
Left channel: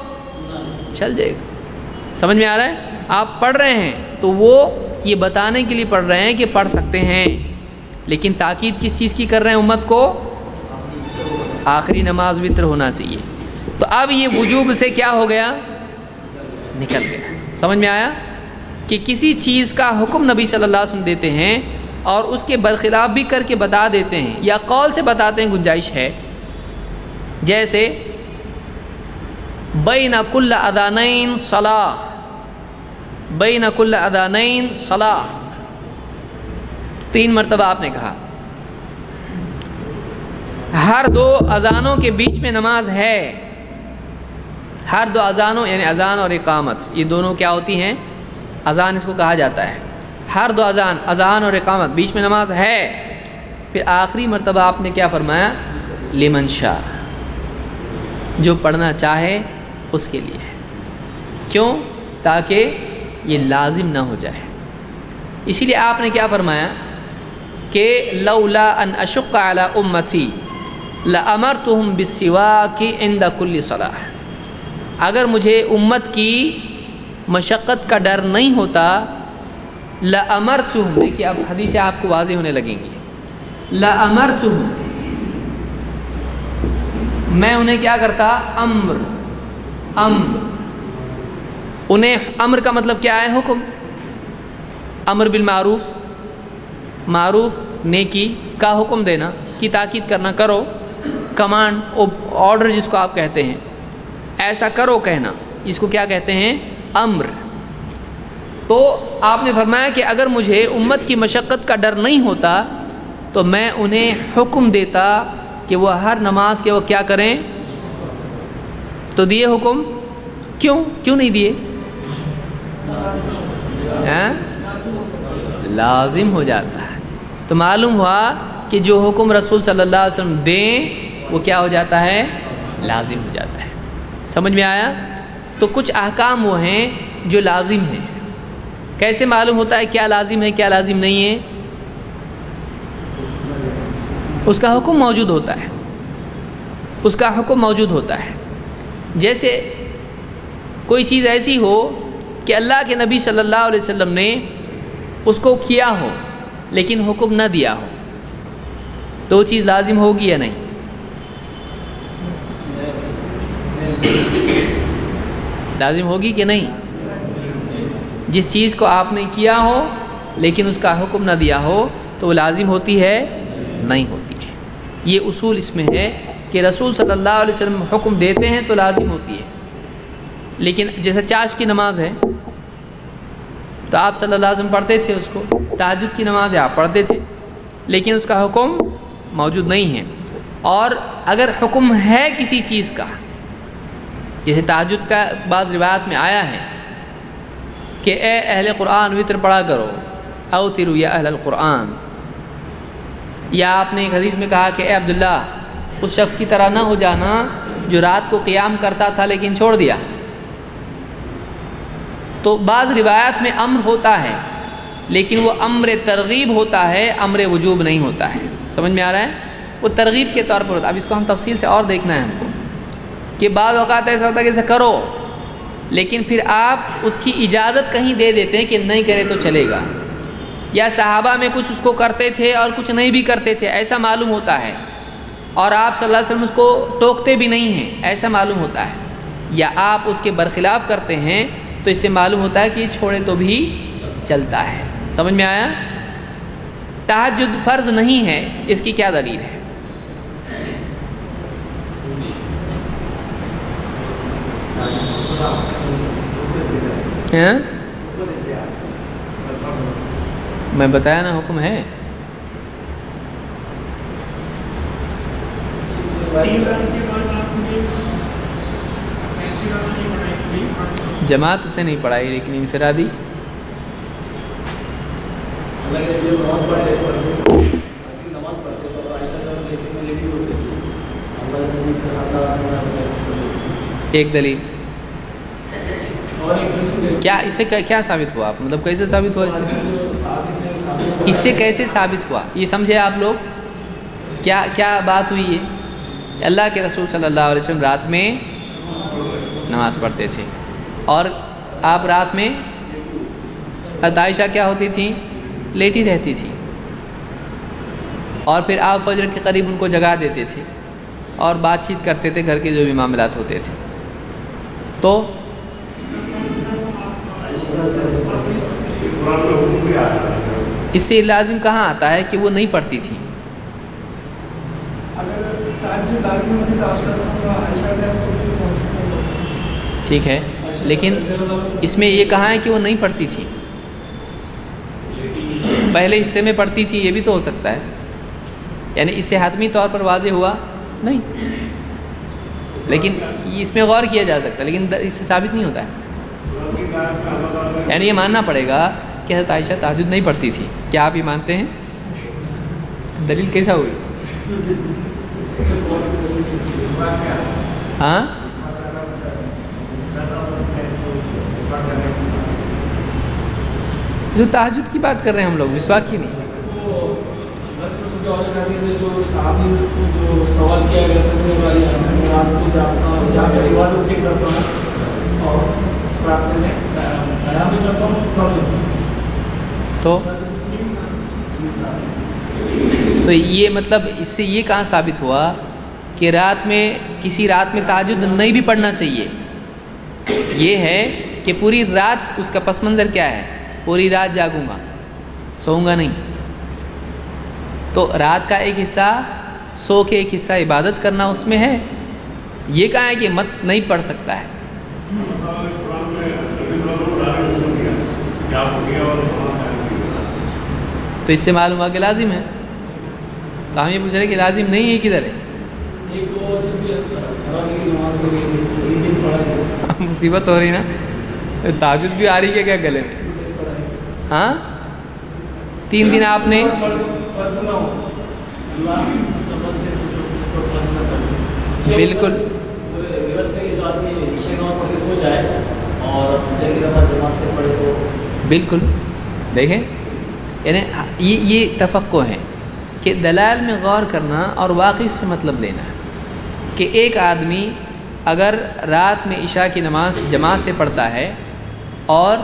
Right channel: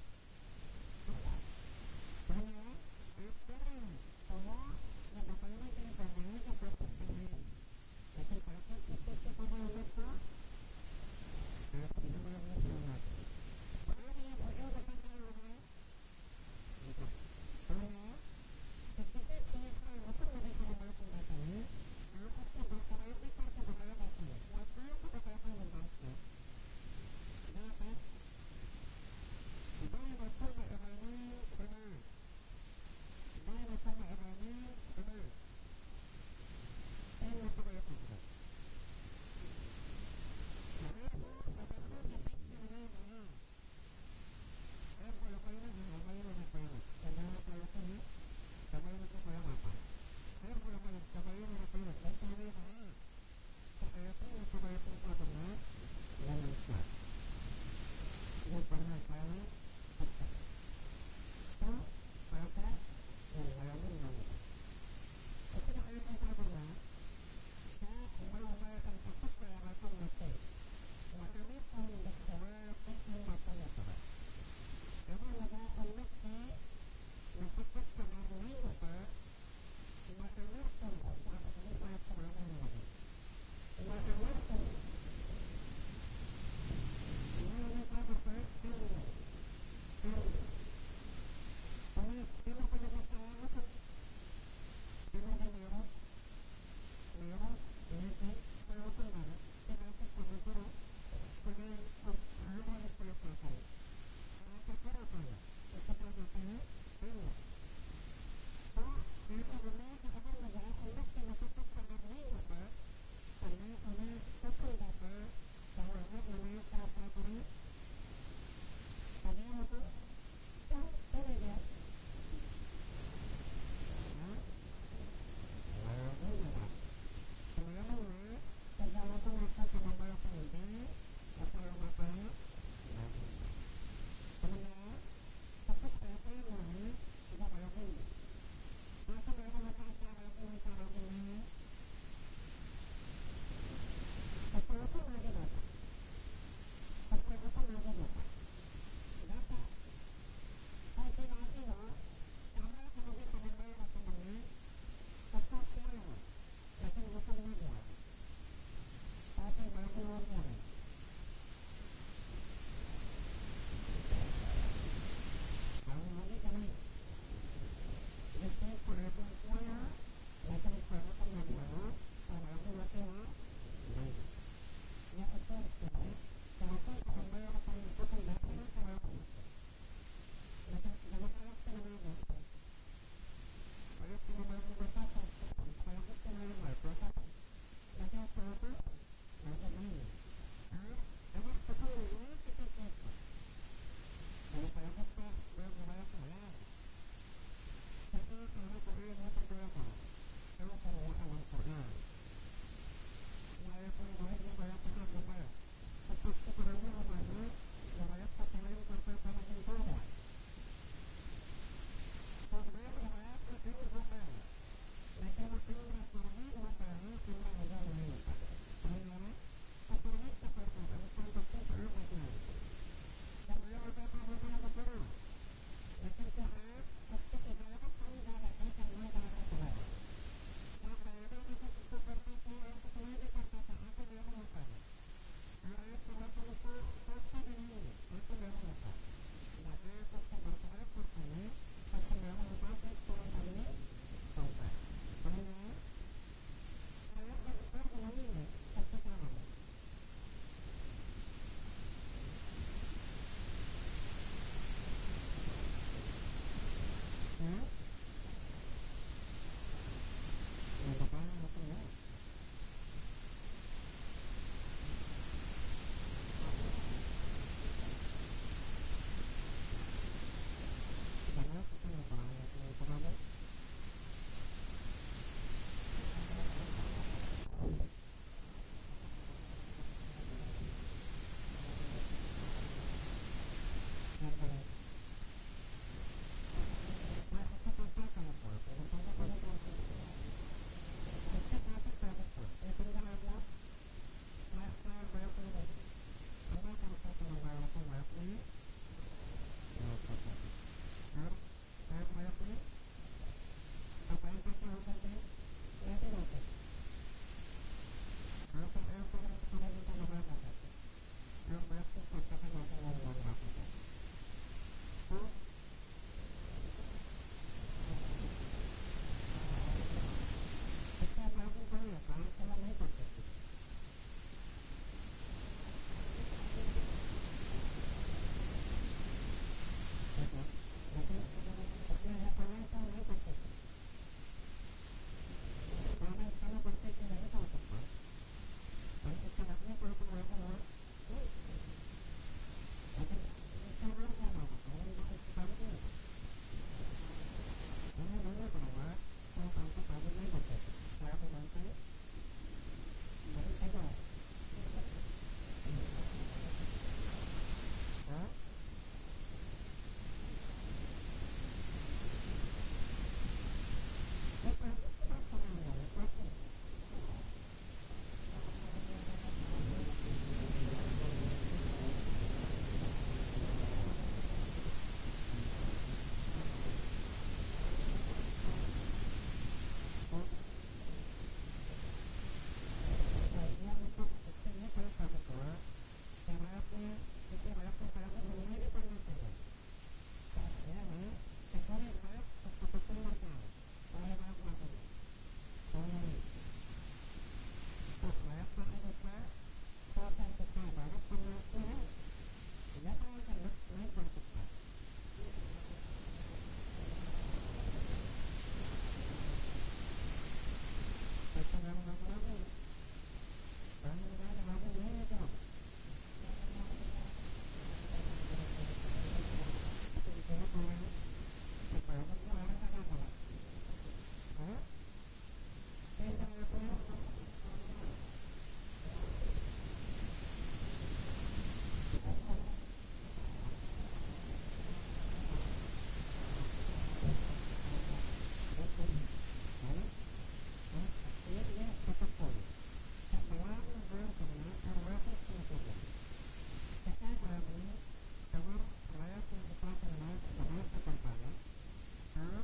چل جائے گا۔ سمجھ میں آ رہا ہے؟ آپ پڑھ رہے ہیں تو وہ یہ بتانے کے لیے پڑھ رہے ہیں کہ پڑھ سکتے ہیں، لیکن تاکید کس چیز کی کر رہے ہیں امت کو؟ آخری نماز وتر ہونا چاہیے۔ تو اب یہ وجوب سے کیا ہو گیا؟ نکل گیا۔ سمجھ میں آیا کہ کسی چیز کا حکم نبی صلی اللہ علیہ وسلم دیتے ہیں اور اس کے برخلاف بھی کر کے بتا دیتے ہیں یا قول سے بتاتے ہیں گنجائش ہے، جیسے بین کل اذانین صلاۃ، بین کل اذانین صلاۃ، 3 مرتبہ آپ نے کہا، ہر دو اذانوں کے بیچ میں نماز ہے. ہر دو اذانوں یعنی اذان اور اقامت یہ دونوں کیا ہوتی ہیں؟ اذان اس کو کہا جاتا ہے. ہر دو اذان اور اقامت بیچ میں نماز ہے. پھر آخری مرتبہ آپ نے کیا فرمایا؟ لمن شاء، جو پڑھنا چاہے اس کے لیے. کیوں؟ تاکہ یہ لازم نہ ہو جائے. اسی لیے آپ نے کیا فرمایا کہ لولا ان اشق علی امتی لامرتهم بالسواک عند کل صلاۃ. اگر مجھے امت کی مشقت کا ڈر نہیں ہوتا، لامرتهم، دیکھیے اب حدیثیں آپ کو واضح ہونے لگیں گی. لامرتهم، میں انہیں کیا کرتا؟ امر. انہیں امر کا مطلب کیا ہے؟ حکم. امر بالمعروف، معروف نیکی کا حکم دینا، کی تاکید کرنا، کرو. کمانڈ، آرڈر جس کو آپ کہتے ہیں، ایسا کرو کہنا، اس کو کیا کہتے ہیں؟ امر. تو آپ نے فرمایا کہ اگر مجھے امت کی مشقت کا ڈر نہیں ہوتا تو میں انہیں حکم دیتا کہ وہ ہر نماز کے وہ کیا کریں. تو دیے حکم؟ کیوں نہیں دیے؟ لازم ہو جاتا ہے. تو معلوم ہوا کہ جو حکم رسول صلی اللہ علیہ وسلم دیں وہ کیا ہو جاتا ہے؟ لازم ہو جاتا ہے. سمجھ میں آیا؟ تو کچھ احکام وہ ہیں جو لازم ہیں. کیسے معلوم ہوتا ہے کیا لازم ہے کیا لازم نہیں ہے؟ اس کا حکم موجود ہوتا ہے. اس کا حکم موجود ہوتا ہے. جیسے کوئی چیز ایسی ہو کہ اللہ کے نبی صلی اللہ علیہ وسلم نے اس کو کیا ہو لیکن حکم نہ دیا ہو، تو وہ چیز لازم ہوگی یا نہیں؟ لازم ہوگی کہ نہیں؟ جس چیز کو آپ نے کیا ہو لیکن اس کا حکم نہ دیا ہو تو وہ لازم ہوتی ہے؟ نہیں ہوتی ہے. یہ اصول اس میں ہے کہ رسول صلی اللہ علیہ وسلم حکم دیتے ہیں تو لازم ہوتی ہے. لیکن جیسے چاش کی نماز ہے تو آپ صلی اللہ علیہ وسلم پڑھتے تھے اس کو. تہجد کی نماز ہے آپ پڑھتے تھے لیکن اس کا حکم موجود نہیں ہے. اور اگر حکم ہے کسی چیز کا، جیسے تہجد کا بعض روایات میں آیا ہے کہ اے اہل قرآن وطر پڑھا کرو، اوتروا یا اہل القرآن. یا آپ نے ایک حدیث میں کہا کہ اے عبداللہ اس شخص کی طرح نہ ہو جانا جو رات کو قیام کرتا تھا لیکن چھوڑ دیا. تو بعض روایات میں امر ہوتا ہے لیکن وہ امر ترغیب ہوتا ہے، امر وجوب نہیں ہوتا ہے. سمجھ میں آ رہا ہے؟ وہ ترغیب کے طور پر ہوتا ہے. اب اس کو ہم تفصیل سے اور دیکھنا ہے ہم کو کہ بعض اوقات ایسا ہوتا ہے کہ اسے کرو لیکن پھر آپ اس کی اجازت کہیں دے دیتے ہیں کہ نہیں کرے تو چلے گا. یا صحابہ میں کچھ اس کو کرتے تھے اور کچھ نہیں بھی کرتے تھے ایسا معلوم ہوتا ہے، اور آپ صلی اللہ علیہ وسلم اس کو ٹوکتے بھی نہیں ہیں ایسا معلوم ہوتا ہے. یا آپ اس کے برخلاف کرتے ہیں تو اس سے معلوم ہوتا ہے کہ یہ چھوڑے تو بھی چلتا ہے. سمجھ میں آیا؟ تہجد فرض نہیں ہے، اس کی کیا دلیل ہے؟ میں بتایا نا حکم ہے. جماعت سے نہیں پڑھائی لیکن انفرادی. ایک دلیل کیا اس سے کیا ثابت ہوا؟ مطلب کیسے ثابت ہوا؟ اس سے کیسے ثابت ہوا یہ سمجھے آپ لوگ؟ کیا بات ہوئی ہے؟ اللہ کے رسول صلی اللہ علیہ وسلم رات میں نماز پڑھتے تھے اور آپ رات میں عائشہ کیا ہوتی تھیں؟ لیٹی رہتی تھی، اور پھر آپ فجر کے قریب ان کو جگا دیتے تھے اور بات چیت کرتے تھے، گھر کے جو بھی معاملات ہوتے تھے. تو اس سے لازم کہاں آتا ہے کہ وہ نہیں پڑھتی تھی؟ ٹھیک ہے، لیکن اس میں یہ کہا ہے کہ وہ نہیں پڑھتی تھی، پہلے حصے میں پڑھتی تھی، یہ بھی تو ہو سکتا ہے. یعنی اس سے حتمی طور پر واضح ہوا نہیں، لیکن اس میں غور کیا جا سکتا ہے، لیکن اس سے ثابت نہیں ہوتا ہے. یعنی یہ ماننا پڑے گا کہ حضرت عائشہ تہجد نہیں پڑھتی تھی. کیا آپ یہ مانتے ہیں؟ دلیل کیسا ہوئی؟ ہاں جو تہجد کی بات کر رہے ہیں ہم لوگ، مسواک کی نہیں. سوال کیا گیا تو یہ مطلب اس سے یہ کہاں ثابت ہوا کہ رات میں کسی رات میں تہجد نہیں بھی پڑھنا چاہیے؟ یہ ہے کہ پوری رات اس کا پس منظر کیا ہے؟ پوری رات جاگوں گا، سوؤں گا نہیں. تو رات کا ایک حصہ سو کے ایک حصہ عبادت کرنا اس میں ہے. یہ کہا ہے کہ مت نہیں پڑھ سکتا ہے. تو اس سے معلوم ہوا کہ لازم ہے. تو ہم یہ پوچھ رہے کہ لازم نہیں ہے کدھر ہے؟ مصیبت ہو رہی نا، تہجد بھی آ رہی ہے کیا گلے میں؟ ہاں 3 دن آپ نے بالکل بالکل دیکھیں، یعنی یہ تفقع ہے کہ دلائل میں غور کرنا اور واقعی سے مطلب لینا کہ ایک آدمی اگر رات میں عشاء کی نماز جماعت سے پڑھتا ہے اور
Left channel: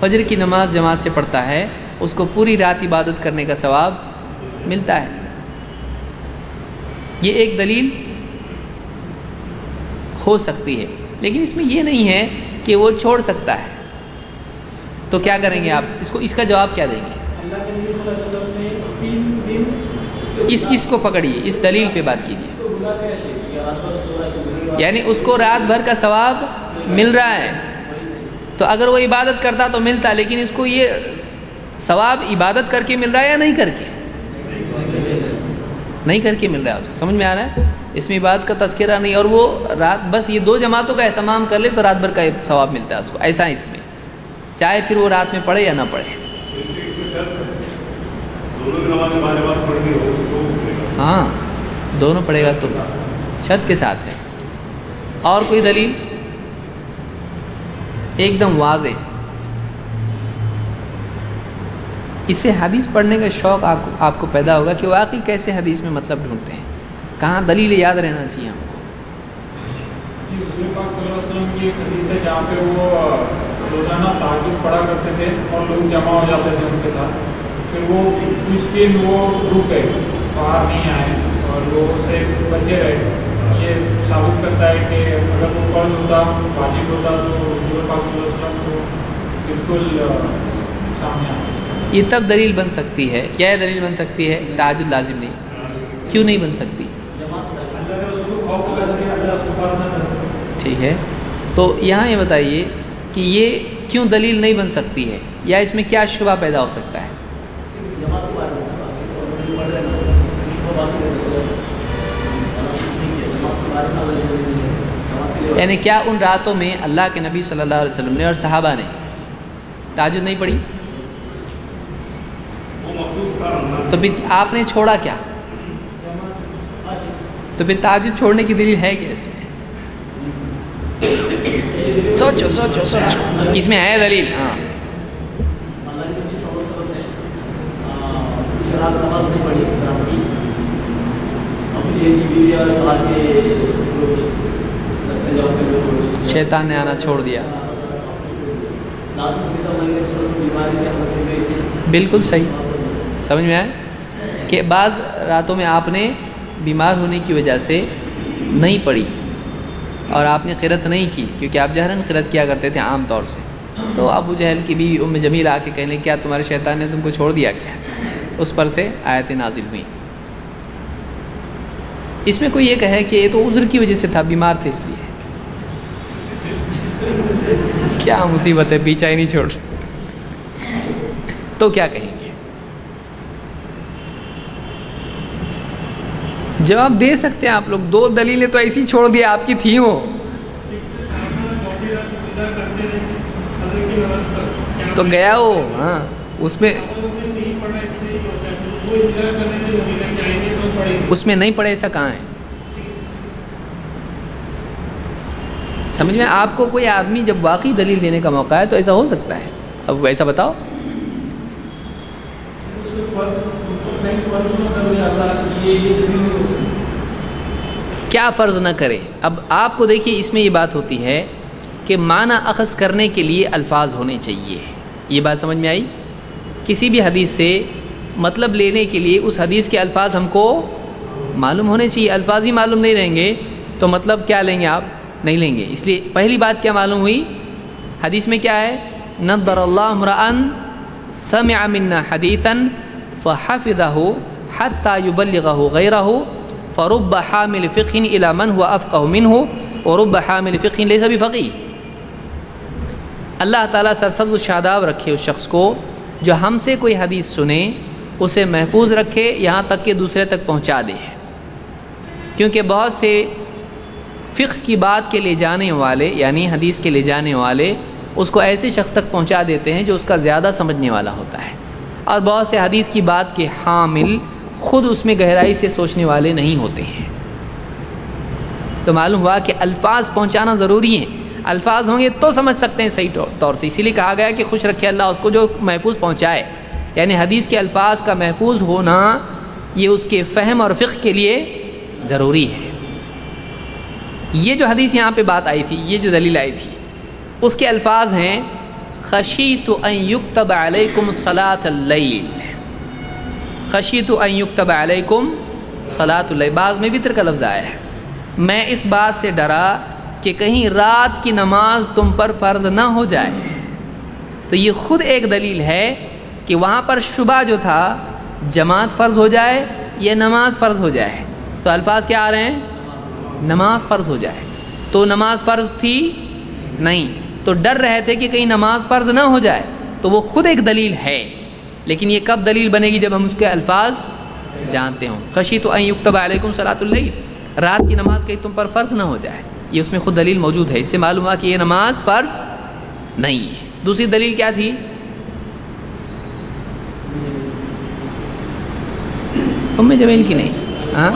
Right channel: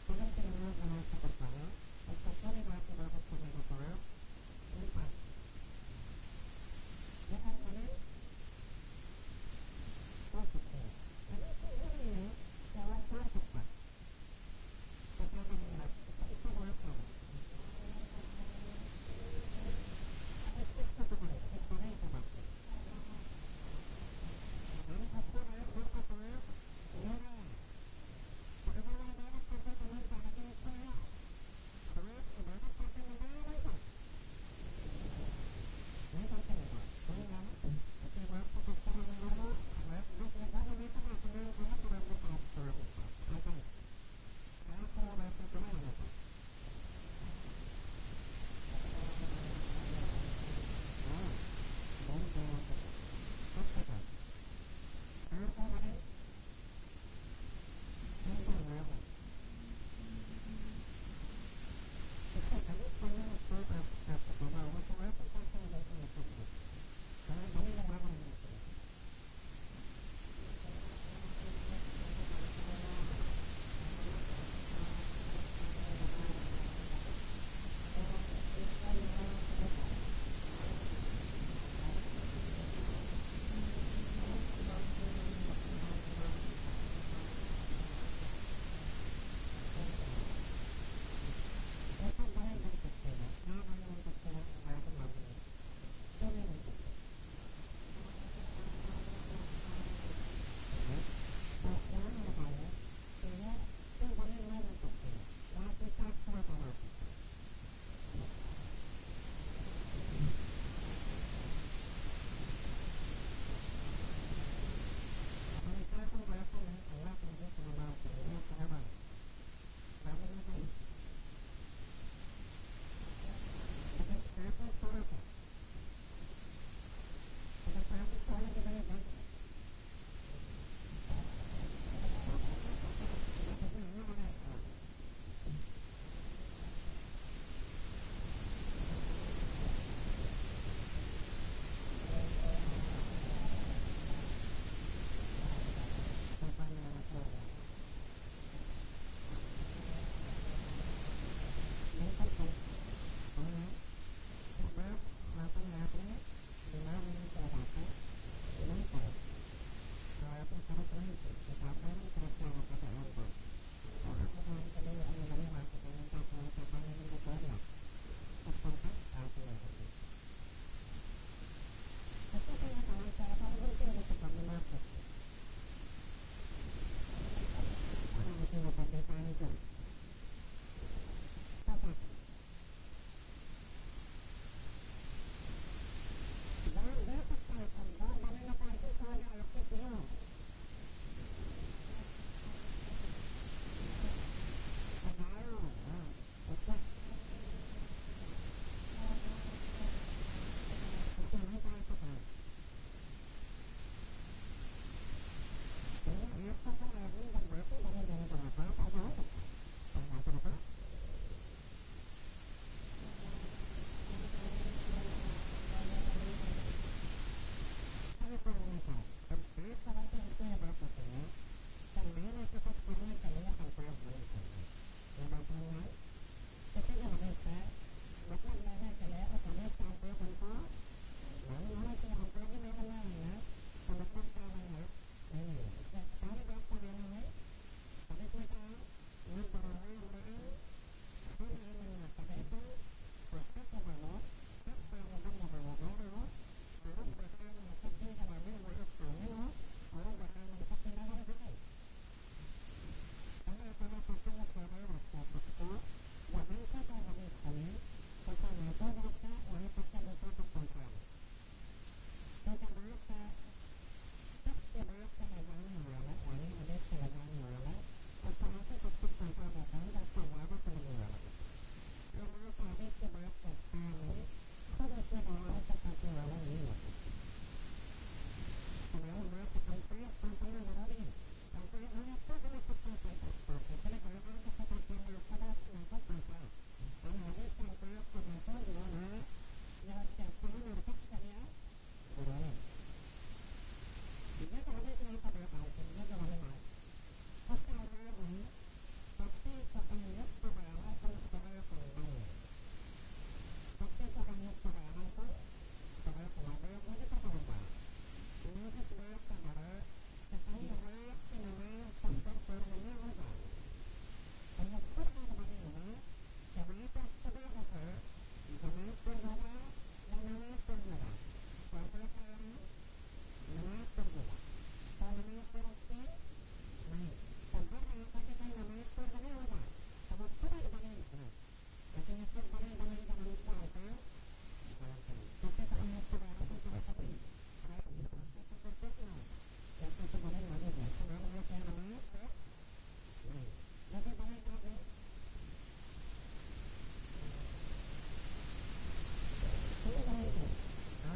فجر کی نماز جماعت سے پڑھتا ہے، اس کو پوری رات عبادت کرنے کا ثواب ملتا ہے. یہ ایک دلیل ہو سکتی ہے، لیکن اس میں یہ نہیں ہے کہ وہ چھوڑ سکتا ہے. تو کیا کریں گے آپ؟ اس کا جواب کیا دیں گے؟ اس کو پکڑیے، اس دلیل پہ بات کیجیے. یعنی اس کو رات بھر کا ثواب مل رہا ہے، تو اگر وہ عبادت کرتا تو ملتا، لیکن اس کو یہ ثواب عبادت کر کے مل رہا ہے یا نہیں کر کے؟ نہیں کر کے مل رہا ہے. اس کو سمجھ میں آ رہا ہے؟ اس میں عبادت کا تذکرہ نہیں، اور وہ رات بس یہ 2 جماعتوں کا اہتمام کر لے تو رات بھر کا ثواب ملتا ہے اس کو. ایسا اس میں چاہے پھر وہ رات میں پڑھے یا نہ پڑھے. ہاں دونوں پڑھے گا تو شرط کے ساتھ ہے. اور کوئی دلیل ایک دم واضح؟ اس سے حدیث پڑھنے کا شوق آپ کو پیدا ہوگا کہ واقعی کیسے حدیث میں مطلب ڈھونڈتے ہیں، کہاں دلیل یاد رہنا چاہیے ہم کو. حضور پاک صلی اللہ علیہ وسلم کی ایک حدیث ہے جہاں پہ وہ روزانہ تہجد پڑھا کرتے تھے اور لوگ جمع ہو جاتے تھے ان کے ساتھ. پھر وہ کچھ دن وہ رک گئے، باہر نہیں آئے اور لوگوں سے بچے رہے. یہ ثابت کرتا ہے کہ اگر وہ فرض ہوتا، واجب ہوتا تو حضور پاک صلی اللہ علیہ وسلم کو بالکل سامنے آتا. یہ تب دلیل بن سکتی ہے. کیا یہ دلیل بن سکتی ہے؟ تہجد لازم نہیں. کیوں نہیں بن سکتی؟ ٹھیک ہے، تو یہاں یہ بتائیے کہ یہ کیوں دلیل نہیں بن سکتی ہے، یا اس میں کیا شبہ پیدا ہو سکتا ہے؟ یعنی کیا ان راتوں میں اللہ کے نبی صلی اللہ علیہ وسلم نے اور صحابہ نے تہجد نہیں پڑھی؟ تو پھر آپ نے چھوڑا کیا؟ تو پھر تہجد چھوڑنے کی دلیل ہے کیا اس میں؟ سوچو سوچو سوچو، اس میں ہے دلیل. ہاں شیطان نے آنا چھوڑ دیا. بالکل صحیح. سمجھ میں آئے کہ بعض راتوں میں آپ نے بیمار ہونے کی وجہ سے نہیں پڑھی اور آپ نے قرأت نہیں کی، کیونکہ آپ جہراً قرأت کیا کرتے تھے عام طور سے. تو ابو جہل کی بیوی ام جمیل آ کے کہنے کیا تمہارے شیطان نے تم کو چھوڑ دیا کیا؟ اس پر سے آیتیں نازل ہوئیں. اس میں کوئی یہ کہے کہ یہ تو عذر کی وجہ سے تھا، بیمار تھے اس لیے. کیا مصیبت ہے، پیچھا ہی نہیں چھوڑ. تو کیا کہیں گے؟ جواب دے سکتے ہیں آپ لوگ. 2 دلیلیں تو ایسی چھوڑ دیا آپ کی تھیں وہ. تو گیا وہ. ہاں اس میں نہیں پڑھے ایسا کہاں ہے؟ سمجھ میں آپ کو کوئی آدمی جب واقعی دلیل دینے کا موقع ہے تو ایسا ہو سکتا ہے. اب ایسا بتاؤ. کیا فرض نہ کرے؟ اب آپ کو دیکھیے اس میں یہ بات ہوتی ہے کہ معنی اخذ کرنے کے لیے الفاظ ہونے چاہیے. یہ بات سمجھ میں آئی؟ کسی بھی حدیث سے مطلب لینے کے لیے اس حدیث کے الفاظ ہم کو معلوم ہونے چاہیے. الفاظ ہی معلوم نہیں رہیں گے تو مطلب کیا لیں گے آپ؟ نہیں لیں گے. اس لیے پہلی بات کیا معلوم ہوئی حدیث میں کیا ہے؟ نضر اللہ امرأ سمع منا حدیثا فحفظه حتى يبلغه غيره فرب حامل فقه الى من هو افقه منه ورب حامل فقه ليس بفقيه. اللہ تعالیٰ سرسبز و شاداب رکھے اس شخص کو جو ہم سے کوئی حدیث سنے اسے محفوظ رکھے یہاں تک کہ دوسرے تک پہنچا دے. کیونکہ بہت سے فقہ کی بات کے لے جانے والے یعنی حدیث کے لے جانے والے اس کو ایسے شخص تک پہنچا دیتے ہیں جو اس کا زیادہ سمجھنے والا ہوتا ہے, اور بہت سے حدیث کی بات کے حامل خود اس میں گہرائی سے سوچنے والے نہیں ہوتے ہیں. تو معلوم ہوا کہ الفاظ پہنچانا ضروری ہیں. الفاظ ہوں گے تو سمجھ سکتے ہیں صحیح طور سے. اسی لیے کہا گیا کہ خوش رکھے اللہ اس کو جو محفوظ پہنچائے. یعنی حدیث کے الفاظ کا محفوظ ہونا یہ اس کے فہم اور فقہ کے لیے ضروری ہے. یہ جو حدیث یہاں پہ بات آئی تھی, یہ جو دلیل آئی تھی, اس کے الفاظ ہیں خشیت ان یکتب علیکم صلاۃ اللیل. خشیت ان یکتب علیکم صلاۃ اللیل. بعض میں وتر کا لفظ آیا ہے. میں اس بات سے ڈرا کہ کہیں رات کی نماز تم پر فرض نہ ہو جائے. تو یہ خود ایک دلیل ہے کہ وہاں پر شبہ جو تھا جماعت فرض ہو جائے یا نماز فرض ہو جائے. تو الفاظ کیا آ رہے ہیں؟ نماز فرض ہو جائے. تو نماز فرض تھی نہیں, تو ڈر رہے تھے کہ کہیں نماز فرض نہ ہو جائے. تو وہ خود ایک دلیل ہے, لیکن یہ کب دلیل بنے گی؟ جب ہم اس کے الفاظ جانتے ہوں. خشیت ان یکتب علیکم صلاۃ اللیل, رات کی نماز کہیں تم پر فرض نہ ہو جائے. یہ اس میں خود دلیل موجود ہے. اس سے معلوم ہوا کہ یہ نماز فرض نہیں ہے. دوسری دلیل کیا تھی؟ ام جمیل کی نہیں, ہاں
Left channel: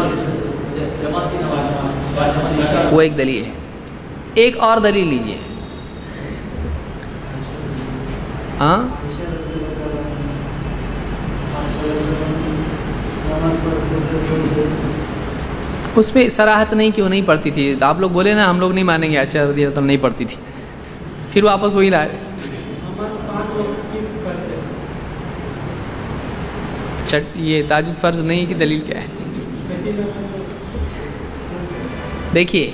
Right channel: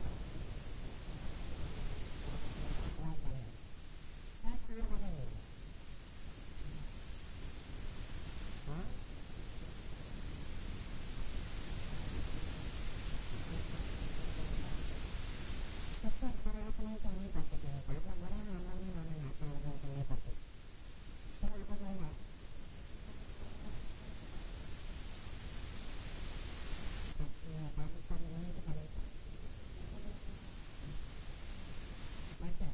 وہ ایک دلیل ہے. ایک اور دلیل لیجئے. ہاں اس پہ صراحت نہیں کہ وہ نہیں پڑھتی تھی. تو آپ لوگ بولے نا ہم لوگ نہیں مانیں گے عائشہ رضی اللہ عنہا نہیں پڑھتی تھی, پھر واپس وہی لائے. یہ تہجد فرض نہیں کی دلیل کیا ہے؟ دیکھیے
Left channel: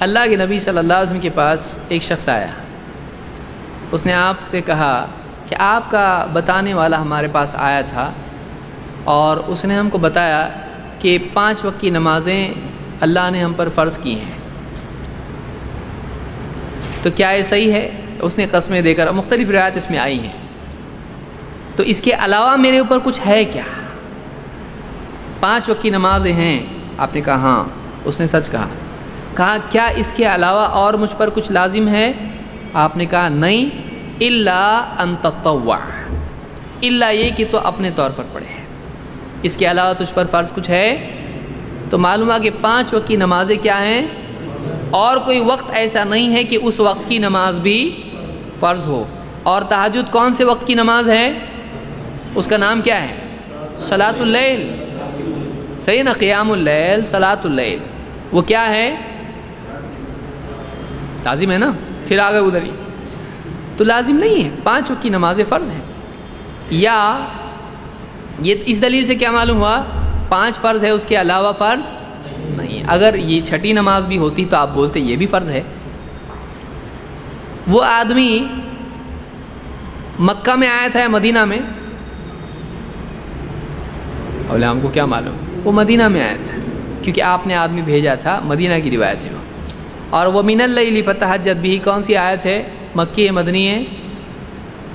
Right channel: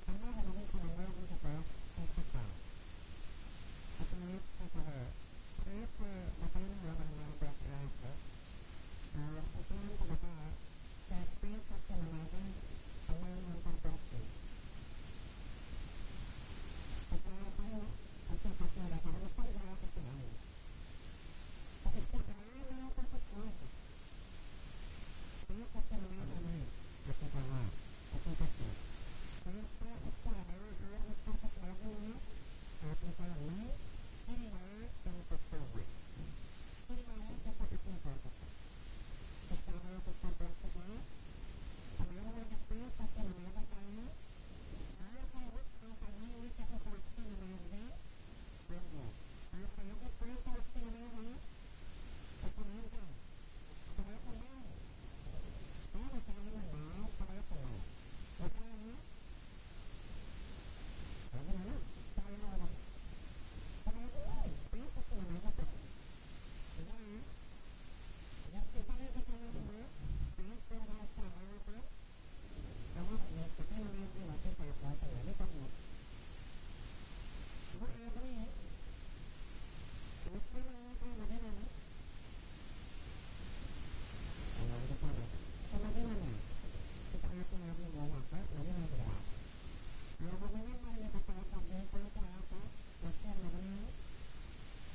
اللہ کے نبی صلی اللہ علیہ وسلم کے پاس ایک شخص آیا. اس نے آپ سے کہا کہ آپ کا بتانے والا ہمارے پاس آیا تھا اور اس نے ہم کو بتایا کہ 5 وقت کی نمازیں اللہ نے ہم پر فرض کی ہیں, تو کیا یہ صحیح ہے؟ اس نے قسمیں دے کر, مختلف روایت اس میں آئی ہیں, تو اس کے علاوہ میرے اوپر کچھ ہے کیا؟ 5 وقت کی نمازیں ہیں. آپ نے کہا ہاں. اس نے سچ کہا. کہا کیا اس کے علاوہ اور مجھ پر کچھ لازم ہے؟ آپ نے کہا نہیں, الا ان تطوع, الا یہ کہ تو اپنے طور پر پڑھے, اس کے علاوہ تجھ پر فرض کچھ ہے؟ تو معلوم ہے کہ 5 وقت کی نمازیں کیا ہیں, اور کوئی وقت ایسا نہیں ہے کہ اس وقت کی نماز بھی فرض ہو. اور تہجد کون سے وقت کی نماز ہے؟ اس کا نام کیا ہے؟ صلاۃ اللیل. صحیح نا, قیام اللیل, صلاۃ اللیل, وہ کیا ہے؟ لازم ہے نا. پھر آگے ادھر ہی تو لازم نہیں ہے, 5 وقت کی نمازیں فرض ہیں. یا یہ اس دلیل سے کیا معلوم ہوا؟ 5 فرض ہے, اس کے علاوہ فرض نہیں. اگر یہ 6ٹھی نماز بھی ہوتی تو آپ بولتے یہ بھی فرض ہے. وہ آدمی مکہ میں آیا تھا یا مدینہ میں؟ بولے ہم کو کیا معلوم. وہ مدینہ میں آیا تھا کیونکہ آپ نے آدمی بھیجا تھا, مدینہ کی روایت سے. اور وہ من اللیل فتہجد بہ کون سی آیت ہے؟ مکی ہے مدنی ہے؟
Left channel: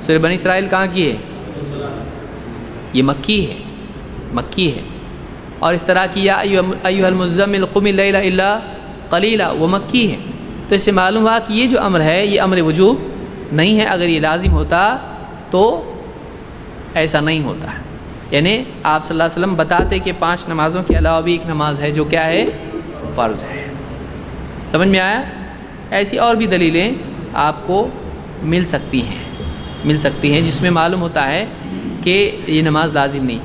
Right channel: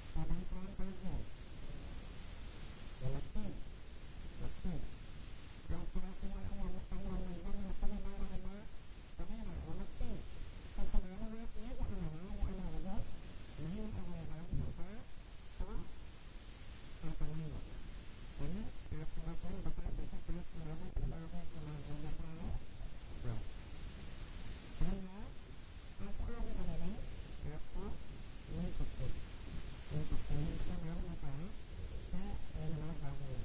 سورہ بنی اسرائیل کہاں کی ہے؟ یہ مکی ہے, مکی ہے. اور اس طرح کی یا ایھا المزمل قم اللیل الا قلیلا وہ مکی ہے، تو اس سے معلوم ہوا کہ یہ جو امر ہے یہ امر وجوب نہیں ہے، اگر یہ لازم ہوتا تو ایسا نہیں ہوتا، یعنی آپ صلی اللہ علیہ وسلم بتاتے کہ 5 نمازوں کے علاوہ بھی ایک نماز ہے جو کیا ہے، فرض ہے۔ سمجھ میں آیا؟ ایسی اور بھی دلیلیں آپ کو مل سکتی ہیں جس میں معلوم ہوتا ہے کہ یہ نماز لازم نہیں،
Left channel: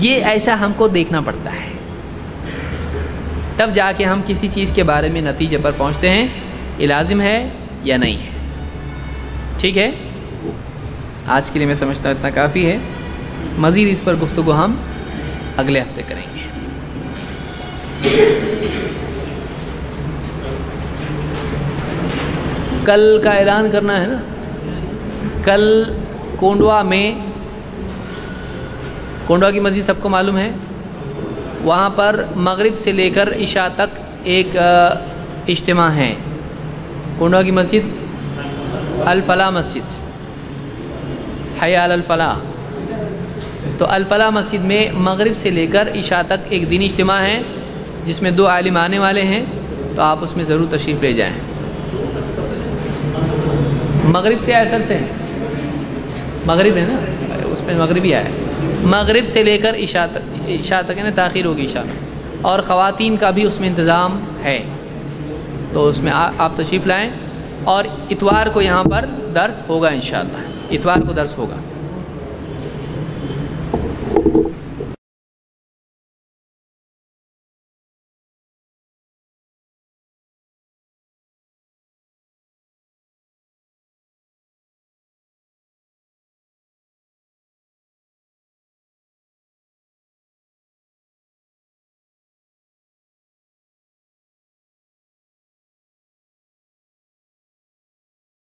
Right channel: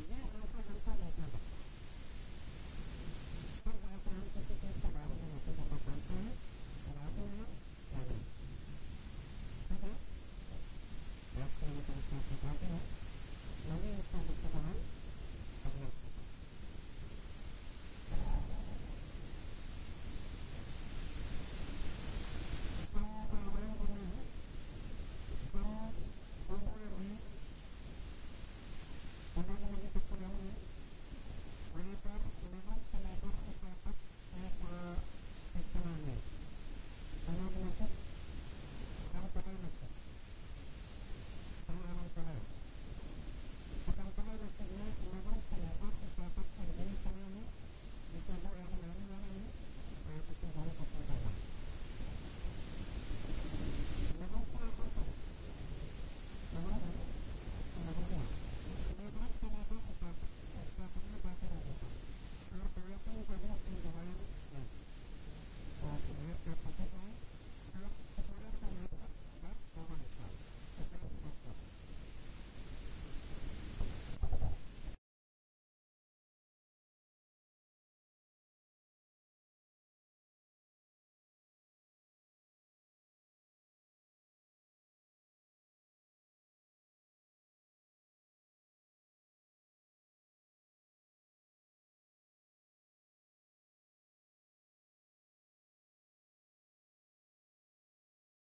یہ ایسا ہم کو دیکھنا پڑتا ہے، تب جا کے ہم کسی چیز کے بارے میں نتیجے پر پہنچتے ہیں یہ لازم ہے یا نہیں ہے۔ ٹھیک ہے، آج کے لیے میں سمجھتا ہوں اتنا کافی ہے، مزید اس پر گفتگو ہم اگلے ہفتے کریں گے۔ کل کا اعلان کرنا ہے نا، کل کونڈوا کی مسجد سب کو معلوم ہے، وہاں پر مغرب سے لے کر عشاء تک ایک اجتماع ہے۔ کونڈوا کی مسجد الفلاح مسجد، حی علی الفلاح، تو الفلاح مسجد میں مغرب سے لے کر عشاء تک ایک دینی اجتماع ہے جس میں 2 عالم آنے والے ہیں، تو آپ اس میں ضرور تشریف لے جائیں۔ مغرب سے عصر سے، مغرب ہے نا اس میں مغربی آیا ہے، مغرب سے لے کر عشاء تک یعنی تاخیر ہوگی عشاء میں، اور خواتین کا بھی اس میں انتظام ہے، تو اس میں آپ تشریف لائیں، اور اتوار کو یہاں پر درس ہوگا انشاءاللہ، اتوار کو درس ہوگا۔